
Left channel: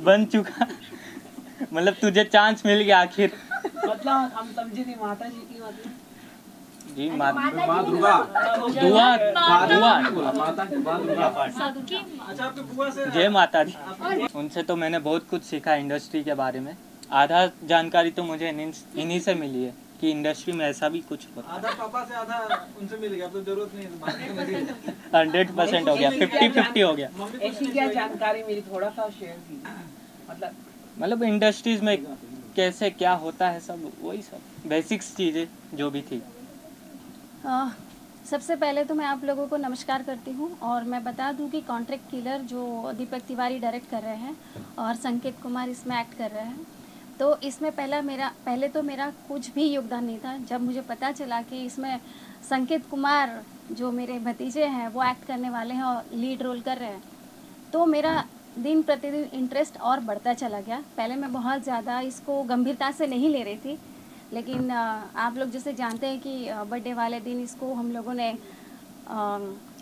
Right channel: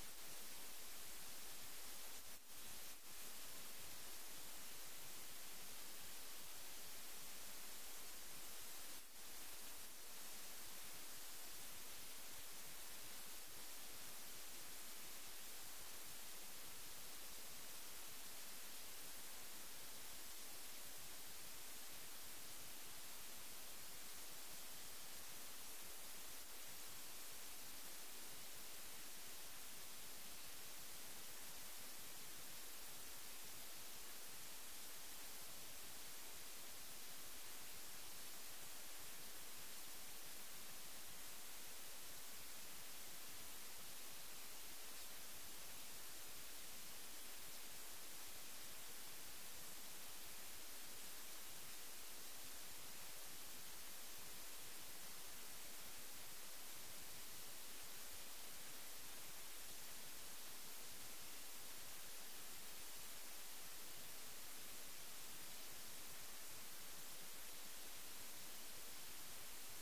बन चुका, मतलब तुझे चांस मिल गया आखिर। मतलब हम समझे नहीं माता जी की मतलब जी, माँ दुर्गा, जय माता दी। उनसे तो मैंने बहुत कुछ सीखा इंडस्ट्री के बारे में। आधा जानकारी तो मुझे इन्हीं से मिली है कि इंडस्ट्री में ऐसा भी कुछ होता है। आधा पापा से आधा उनसे मिल गया, अब तो जरूरत नहीं है। 100% हो गया, 50-50 हो गया। ऐसी क्या जानकारी मिली, थोड़ा सा शेयर कीजिए। मतलब इंडस्ट्रीज में कैसे क्या होता है, सब वही सब बेसिक्स चीज़ें जो भी थी। सबसे पहले तो मैं आप लोगों को नमस्कार करती हूँ और मैं बता दूँ कि कॉन्ट्रैक्ट किलर जो दीपक तिवारी डायरेक्ट कर रहे हैं और संकेत कुमार इसमें एक्ट कर रहे हैं, तो इसमें पहले तो मेरा कुछ भी योगदान नहीं था। जब मुझे पता चला कि इसमें संकेत कुमार जो मेरे भतीजे हैं वो एक्ट करने वाले हैं और लीड रोल कर रहे हैं, तो मेरा दिन प्रतिदिन इंटरेस्ट और बढ़ता चला गया। पहले मैं बहुत ज़्यादा इसको गंभीरता से नहीं ले रही थी, लेकिन आप लोग जैसे जानते हैं कि बर्थडे वाले दिन इसको हम लोगों ने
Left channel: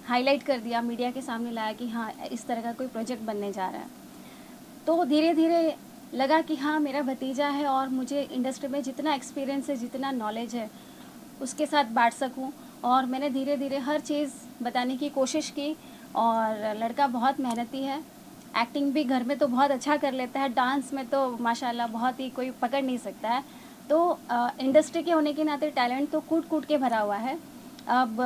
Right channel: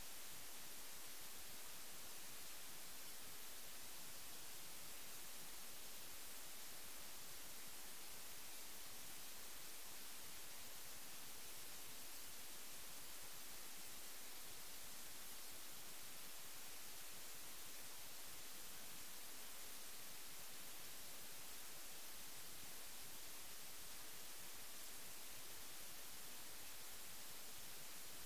हाईलाइट कर दिया, मीडिया के सामने लाया कि हाँ इस तरह का कोई प्रोजेक्ट बनने जा रहा है। तो धीरे धीरे लगा कि हाँ मेरा भतीजा है और मुझे इंडस्ट्री में जितना एक्सपीरियंस है, जितना नॉलेज है उसके साथ बांट सकूं। और मैंने धीरे धीरे हर चीज़ बताने की कोशिश की। और लड़का बहुत मेहनती है, एक्टिंग भी घर में तो बहुत अच्छा कर लेता है, डांस में तो माशाल्लाह बहुत ही कोई पकड़ नहीं सकता है। तो इंडस्ट्री के होने के नाते टैलेंट तो कूट कूट के भरा हुआ है। अब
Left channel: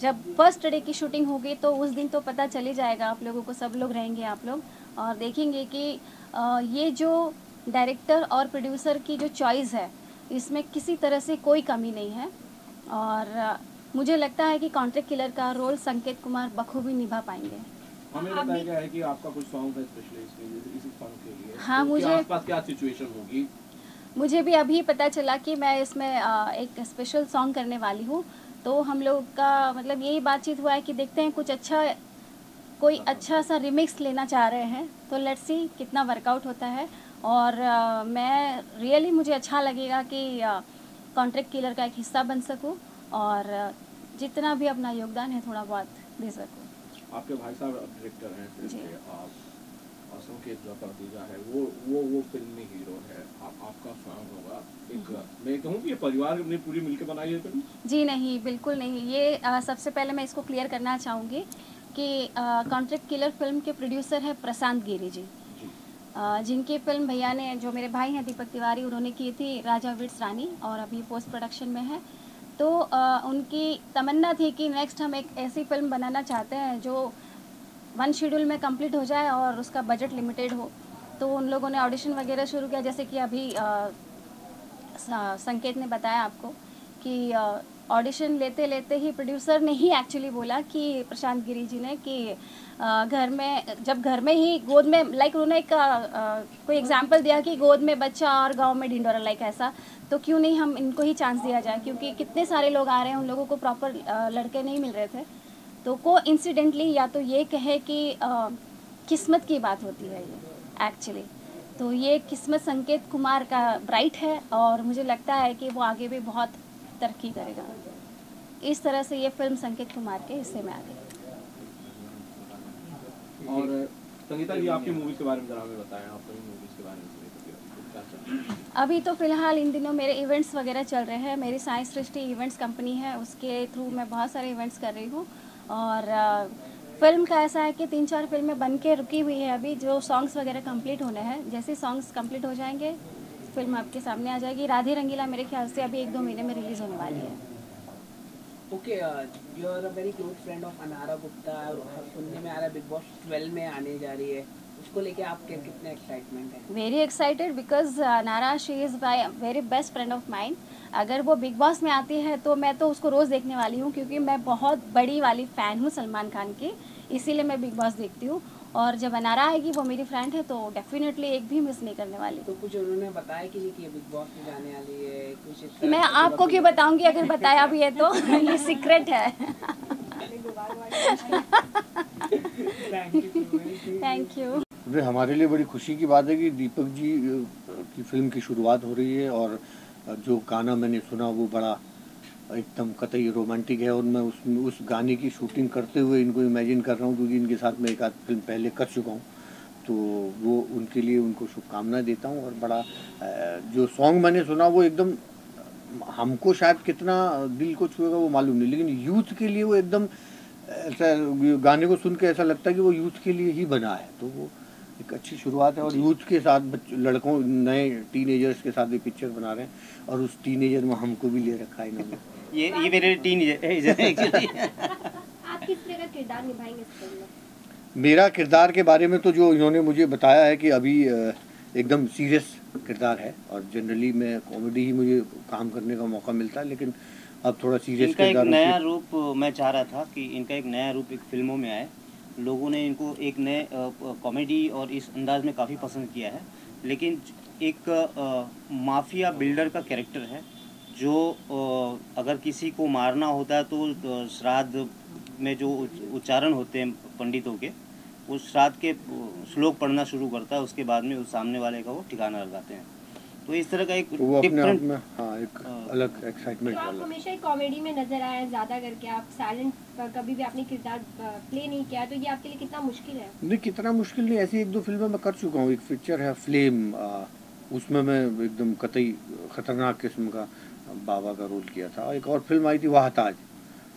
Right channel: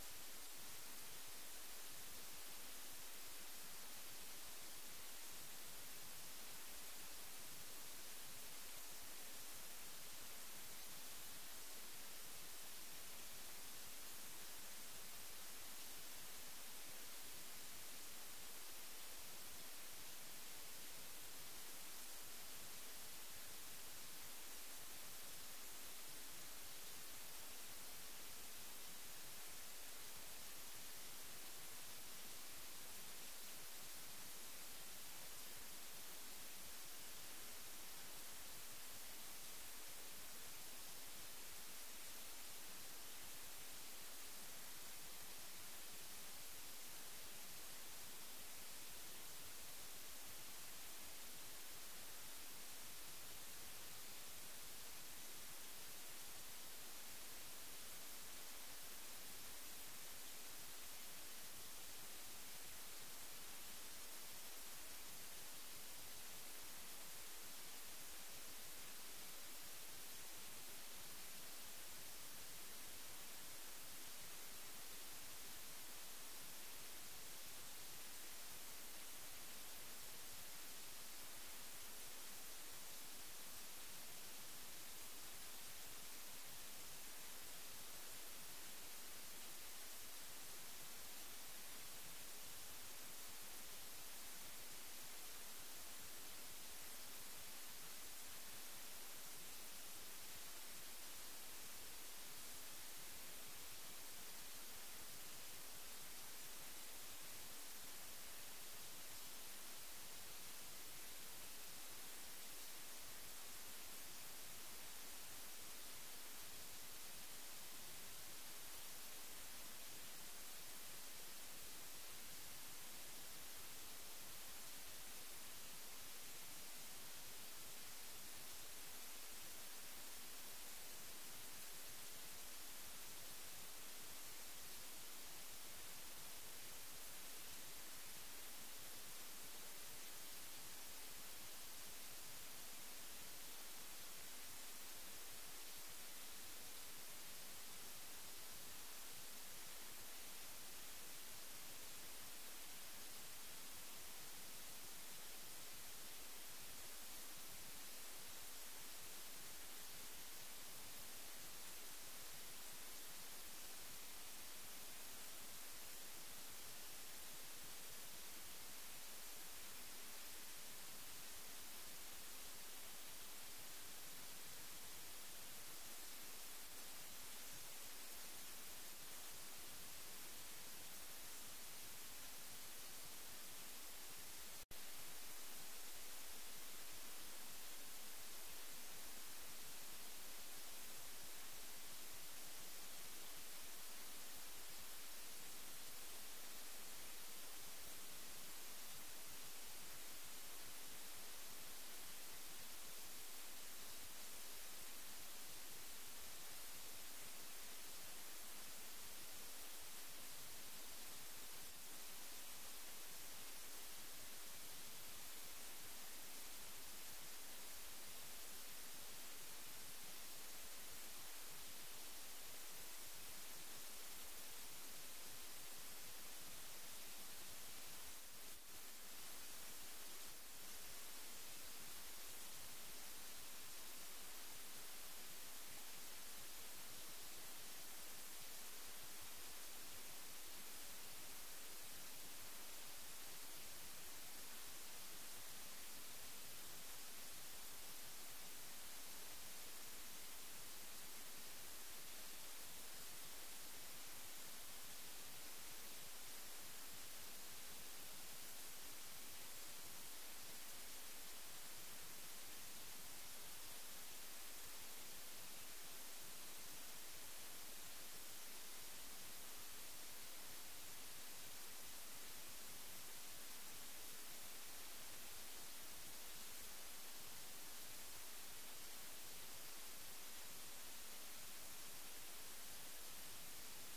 जब फर्स्ट डे की शूटिंग होगी तो उस दिन तो पता चल ही जाएगा आप लोगों को, सब लोग रहेंगे आप लोग और देखेंगे कि ये जो डायरेक्टर और प्रोड्यूसर की जो चॉइस है इसमें किसी तरह से कोई कमी नहीं है। और मुझे लगता है कि कॉन्ट्रैक्ट किलर का रोल संकेत कुमार बखूबी निभा पाएंगे। हमें बताया गया है कि आपका कुछ सॉन्ग है स्पेशली इसी सॉन्ग के लिए। हाँ, तो मुझे आसपास क्या सिचुएशन होगी? मुझे भी अभी पता चला कि मैं इसमें एक स्पेशल सॉन्ग करने वाली हूँ। तो हम लोग का मतलब यही बातचीत हुआ है कि देखते हैं कुछ कोई अच्छा सा रिमिक्स लेना चाह रहे हैं, तो लेट्स सी कितना वर्कआउट होता है। और मैं रियली मुझे अच्छा लगेगा कि कॉन्ट्रैक्ट किलर का एक हिस्सा बन सकूं और जितना भी अपना योगदान है थोड़ा बहुत दे सकूं। आपके भाई साहब डायरेक्टर हैं फिल्म के, आप संकेत का भतीजा है, वो फिल्म में हीरो है, आपका फैन होगा। एक मैं कहूँ कि ये परिवार ने पूरी मिलकर बनाई है फिल्म? जी नहीं, बिल्कुल नहीं। ये सबसे पहले मैं इसको क्लियर करना चाहूँगी कि कॉन्ट्रैक्ट किलर फिल्म के प्रोड्यूसर है प्रशांत गिरी जी, जिनकी फिल्म भैया ने, जो मेरे भाई हैं दीपक तिवारी, उन्होंने की थी राजा विट्स रानी और अभी पोस्ट प्रोडक्शन में है। तो उनकी तमन्ना थी कि नेक्स्ट हम एक ऐसी फिल्म बनाना चाहते हैं जो 1 शेड्यूल में कंप्लीट हो जाए और उसका बजट लिमिटेड हो। तो उन लोगों ने ऑडिशन वगैरह शुरू किया, जैसे कि अभी संकेत ने बताया आपको कि ऑडिशन लेते लेते ही प्रोड्यूसर ने ही एक्चुअली बोला कि प्रशांत गिरी जी ने कि जब घर में ही गोद में, लाइक उन्होंने एक कोई एग्जांपल दिया कि गोद में बच्चा और गांव में ढिंडोरा, लाइक ऐसा, तो क्यों नहीं हम इनको ही चांस दिया जाए, क्योंकि कितने सारे लोग आ रहे हैं, उन लोगों को प्रॉपर लड़के नहीं मिल रहे थे। तो कोइंसिडेंटली या तो ये कहे कि किस्मत की बात होती है ये एक्चुअली, तो ये किस्मत संकेत कुमार का ब्राइट है और मुझे लगता है कि वो आगे भी बहुत तरक्की करेगा। इस तरह से ये फिल्म संकेत कुमार के हिस्से में आ गई। और संगीता जी, आपकी मूवी के बारे में जरा हमें बताएं, आपकी मूवी के बारे में। अभी तो फिलहाल इन दिनों मेरे इवेंट्स वगैरह चल रहे हैं। मेरी साइंस सृष्टि इवेंट्स कंपनी है, उसके थ्रू मैं बहुत सारे इवेंट्स कर रही हूँ। और फिल्म का ऐसा है कि 3-4 फिल्में बन के रुकी हुई है अभी, जो सॉन्ग्स वगैरह कंप्लीट होने हैं। जैसे सॉन्ग्स कंप्लीट हो जाएंगे फिल्म आपके सामने आ जाएगी। राधे रंगीला मेरे ख्याल से अभी 1-2 महीने में रिलीज़ होने वाली है। Okay, you are a very close friend of Anara Gupta, सुनने में आ रहा है बिग बॉस 12 में आने जा रही है, उसको लेके आपके कितने एक्साइटमेंट है? Very excited because Anara she is my very best friend of mine. अगर वो बिग बॉस में आती है तो मैं तो उसको रोज़ देखने वाली हूँ, क्योंकि मैं बहुत बड़ी वाली फ़ैन हूँ सलमान खान की, इसीलिए मैं बिग बॉस देखती हूँ। और जब अनारा आएगी, वो मेरी फ्रेंड है, तो डेफिनेटली एक भी मिस नहीं करने वाली। तो कुछ उन्होंने बताया कि बिग बॉस में जाने वाली है कुछ? मैं आपको क्यों बताऊंगी अगर बताया भी है तो ये सीक्रेट है। Thank you. हमारे लिए बड़ी खुशी की बात है कि दीपक जी की फिल्म की शुरुआत हो रही है और जो गाना मैंने सुना वो बड़ा एकदम कतई रोमांटिक है और मैं उस गाने की शूटिंग करते हुए इनको इमेजिन कर रहा हूँ, क्योंकि इनके साथ मैं एक आध फिल्म पहले कर चुका हूँ। तो वो उनके लिए उनको शुभकामनाएं देता हूँ। और बड़ा जो सॉन्ग मैंने सुना वो एकदम हमको शायद कितना दिल को छुएगा वो मालूम नहीं, लेकिन यूथ के लिए वो एकदम ऐसा, गाने को सुन के ऐसा लगता है कि वो यूथ के लिए ही बना है। तो वो एक अच्छी शुरुआत है और यूथ के साथ लड़कों, नए टीनेजर्स के साथ भी पिक्चर बना रहे हैं और उस टीनेजर में हमको भी ले रखा है इन्होंने। ये मेरे टीनेजर है एक्चुअली। आप किस तरह का किरदार निभाएंगे इस फिल्म में? मेरा किरदार के बारे में तो जो इन्होंने मुझे बताया है कि अभी एकदम सीरियस किरदार है और जनरली मैं कॉमेडी ही मुझे काम करने का मौका मिलता है, लेकिन अब थोड़ा सीरियस किरदार। एक नया रूप मैं चाह रहा था कि इनका एक नया रूप एक फिल्मों में आए। लोगों ने इनको एक नए कॉमेडी और इस अंदाज में काफ़ी पसंद किया है, लेकिन एक माफिया बिल्डर का कैरेक्टर है जो अगर किसी को मारना होता है तो श्राद्ध में जो उच्चारण होते हैं पंडितों के, उस रात के श्लोक पढ़ना शुरू करता है, उसके बाद में उस सामने वाले का वो ठिकाना लगाते हैं। तो इस तरह का एक वो अपने आप में हाँ एक अलग एक्साइटमेंट तो आप हमेशा एक कॉमेडी में नजर आए ज़्यादा करके, आप साइलेंट कभी भी आपने किरदार प्ले नहीं किया, तो ये आपके लिए कितना मुश्किल है? नहीं, कितना मुश्किल नहीं, ऐसी 1-2 फिल्में मैं कर चुका हूँ। एक पिक्चर है फ्लेम, उसमें मैं एकदम कतई खतरनाक किस्म का बाबा का रोल किया था। एक और फिल्म आई थी वाहताज,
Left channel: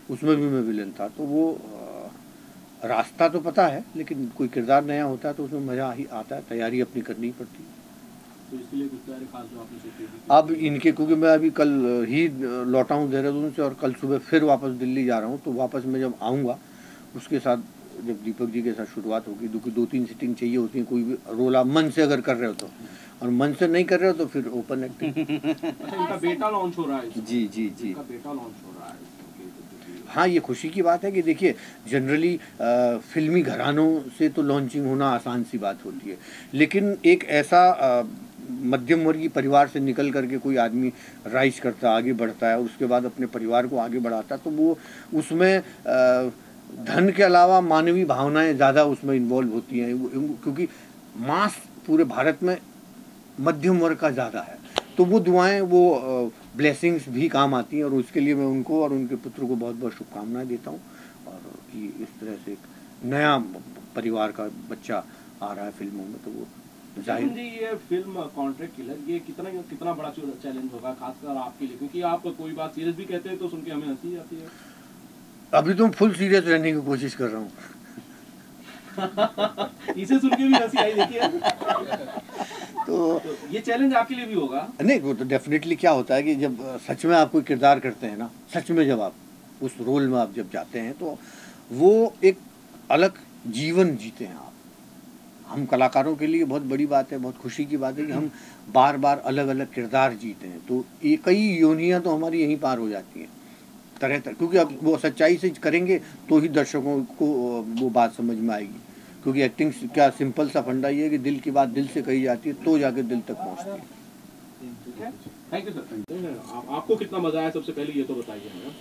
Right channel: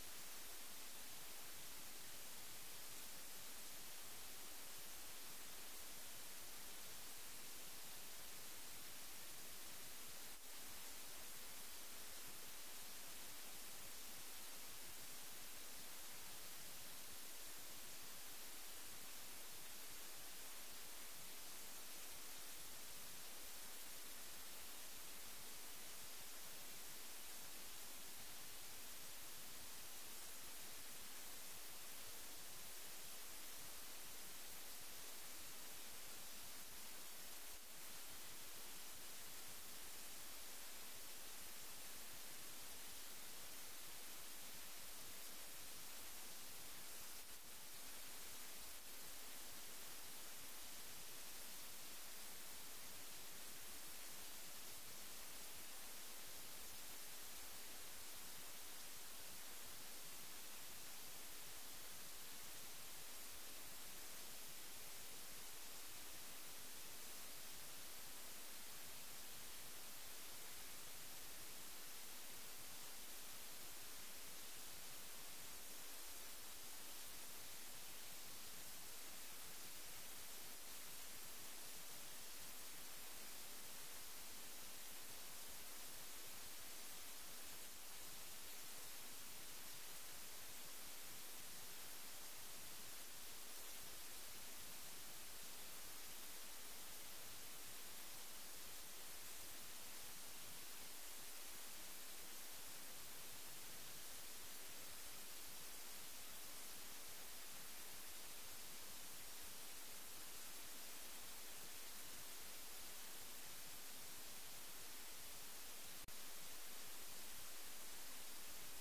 उसमें भी मैं विलन था। तो वो रास्ता तो पता है, लेकिन कोई किरदार नया होता है तो उसमें मज़ा ही आता है, तैयारी अपनी करनी पड़ती है। तो इसलिए कुछ सारे खास जो आपने सोचे थे? अब इनके, क्योंकि मैं अभी कल ही लौटा हूँ देहरादून से और कल सुबह फिर वापस दिल्ली जा रहा हूँ, तो वापस मैं जब आऊँगा उसके साथ जब दीपक जी के साथ शुरुआत होगी, 2-3 सीटिंग चाहिए होती है। कोई भी रोल आप मन से अगर कर रहे हो तो, और मन से नहीं कर रहे हो तो फिर ओपन एक्टिंग। अच्छा, इनका बेटा लॉन्च हो रहा है? जी जी जी, इनका बेटा लॉन्च हो रहा है। हाँ, ये खुशी की बात है कि देखिए जनरली फिल्मी घरानों से तो लॉन्चिंग होना आसान सी बात होती है, लेकिन एक ऐसा मध्यम वर्गीय परिवार से निकल करके कोई आदमी राइज करता है, आगे बढ़ता है, उसके बाद अपने परिवार को आगे बढ़ाता है, तो वो उसमें धन के अलावा मानवीय भावनाएं ज़्यादा उसमें इन्वॉल्व होती हैं, क्योंकि मास पूरे भारत में मध्यम वर्ग का ज़्यादा है। तो वो दुआएं, वो ब्लेसिंग्स भी काम आती हैं, और उसके लिए मैं उनको और उनके पुत्र को बहुत बहुत शुभकामनाएं देता हूँ। और ये इस तरह से एक नया परिवार का बच्चा आ रहा है फिल्मों में, तो वो जाहिर जी ये फिल्म कॉन्ट्रैक्ट किलर ये कितना बड़ा चैलेंज होगा खासकर आपके लिए, क्योंकि आप कोई बात सीरियस भी कहते हैं तो सुन के हमें हंसी आती है। अभी तो फुल सीरियस रहने की कोशिश कर रहा हूँ। इसे सुन के भी हंसी आई, देखिए। तो ये चैलेंज आपके लिए भी होगा? नहीं, वो तो डेफिनेटली क्या होता है कि जब सच में आप कोई किरदार करते हैं ना, सच में जब आप उस रोल में आप जब जाते हैं तो वो एक अलग जीवन जीते हैं आप। हम कलाकारों के लिए बहुत बड़ी बात है, बहुत खुशी की बात है कि हम बार बार अलग अलग किरदार जीते हैं। तो ये कई योनियाँ तो हमारी यहीं पार हो जाती हैं तरह तरह, क्योंकि अब वो सच्चाई से करेंगे तो ही दर्शकों को वो बात समझ में आएगी। क्योंकि एक्टिंग क्या सिंपल सा फंडा ये है कि दिल की बात दिल से कही जाती है तो जाके दिल तक पहुँचती है। Thank you sir. आपको कितना मजा आया सबसे पहले ये तो बताइए हमें।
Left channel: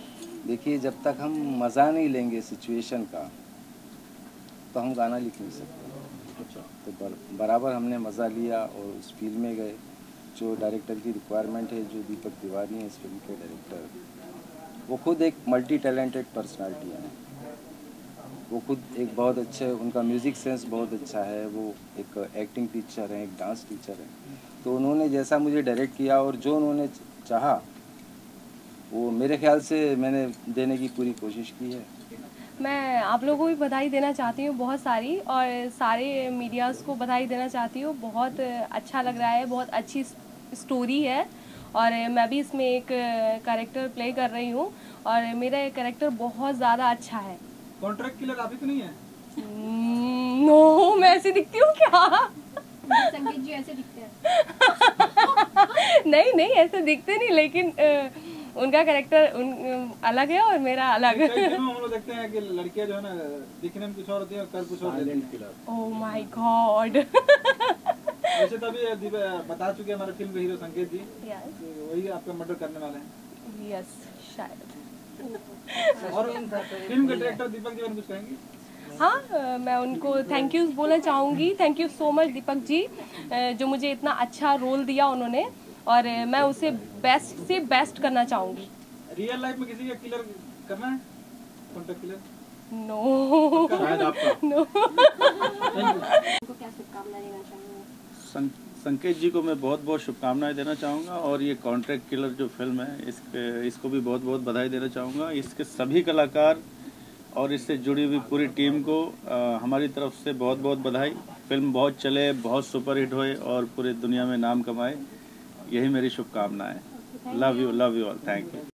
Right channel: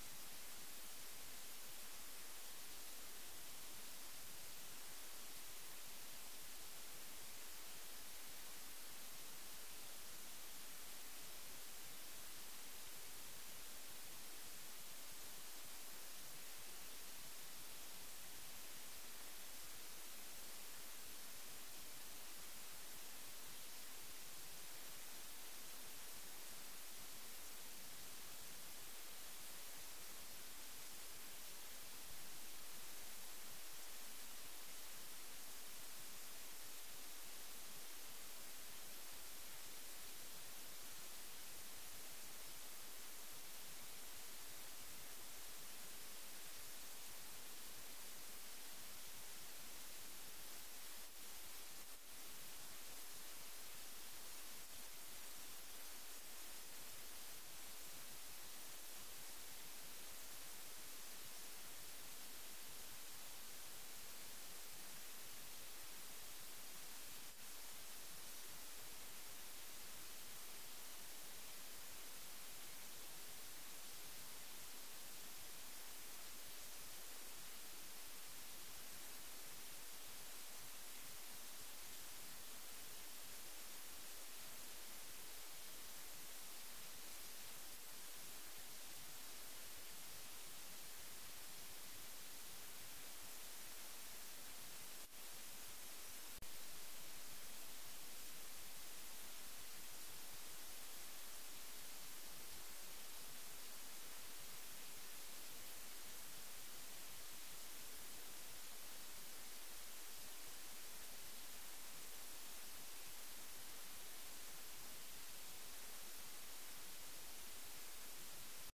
देखिए, जब तक हम मज़ा नहीं लेंगे सिचुएशन का तो हम गाना लिख नहीं सकते। अच्छा। तो बराबर हमने मज़ा लिया और उस फील्ड में गए। जो डायरेक्टर की रिक्वायरमेंट है, जो दीपक तिवारी है इस फिल्म के डायरेक्टर, वो खुद एक मल्टी टैलेंटेड पर्सनालिटी है। वो खुद एक बहुत अच्छे, उनका म्यूज़िक सेंस बहुत अच्छा है, वो एक एक्टिंग टीचर है, एक डांस टीचर है। तो उन्होंने जैसा मुझे डायरेक्ट किया और जो उन्होंने चाहा वो मेरे ख्याल से मैंने देने की पूरी कोशिश की है। मैं आप लोगों को भी बधाई देना चाहती हूँ बहुत सारी, और सारे मीडियाज़ को बधाई देना चाहती हूँ। बहुत अच्छा लग रहा है, बहुत अच्छी स्टोरी है, और मैं भी इसमें एक कैरेक्टर प्ले कर रही हूँ और मेरा ये कैरेक्टर बहुत ज़्यादा अच्छा है। कॉन्ट्रैक्ट किलर आप ही तो नहीं है? नो, मैं ऐसी दिखती हूँ क्या? संकेत जी ऐसे दिखते हैं। नहीं ऐसे दिखते नहीं, लेकिन उनका कैरेक्टर अलग है और मेरा अलग है। हम लोग देखते हैं कि लड़कियां जो है ना दिखने में कुछ और होती है, कर कुछ और देती है। Oh my God. वैसे तो अभी बता चुके हमारे फिल्म के हीरो संकेत जी, वही आपका मर्डर करने वाले हैं। यस, शायद। और फिल्म के डायरेक्टर दीपक जी कुछ कहेंगे? हाँ, मैं उनको थैंक यू बोलना चाहूँगी। Thank you so much Deepak ji, जो मुझे इतना अच्छा रोल दिया उन्होंने, और मैं उसे बेस्ट से बेस्ट करना चाहूँगी। रियल लाइफ में किसी का किलर करना है? Contract killer? नो। शायद आपका। नो। उनको क्या शुभकामनाएं देना चाहूँगा? संकेत जी को मैं बहुत बहुत शुभकामनाएं देना चाहूँगा, और ये कॉन्ट्रैक्ट किलर जो फिल्म है इसको भी बहुत बहुत बधाई देना चाहूँगा। इसके सभी कलाकार और इससे जुड़ी हुई पूरी टीम को हमारी तरफ से बहुत बहुत बधाई। फिल्म बहुत चले, बहुत सुपरहिट होए और पूरी दुनिया में नाम कमाए, यही मेरी शुभकामनाएं। Love you all, thank you.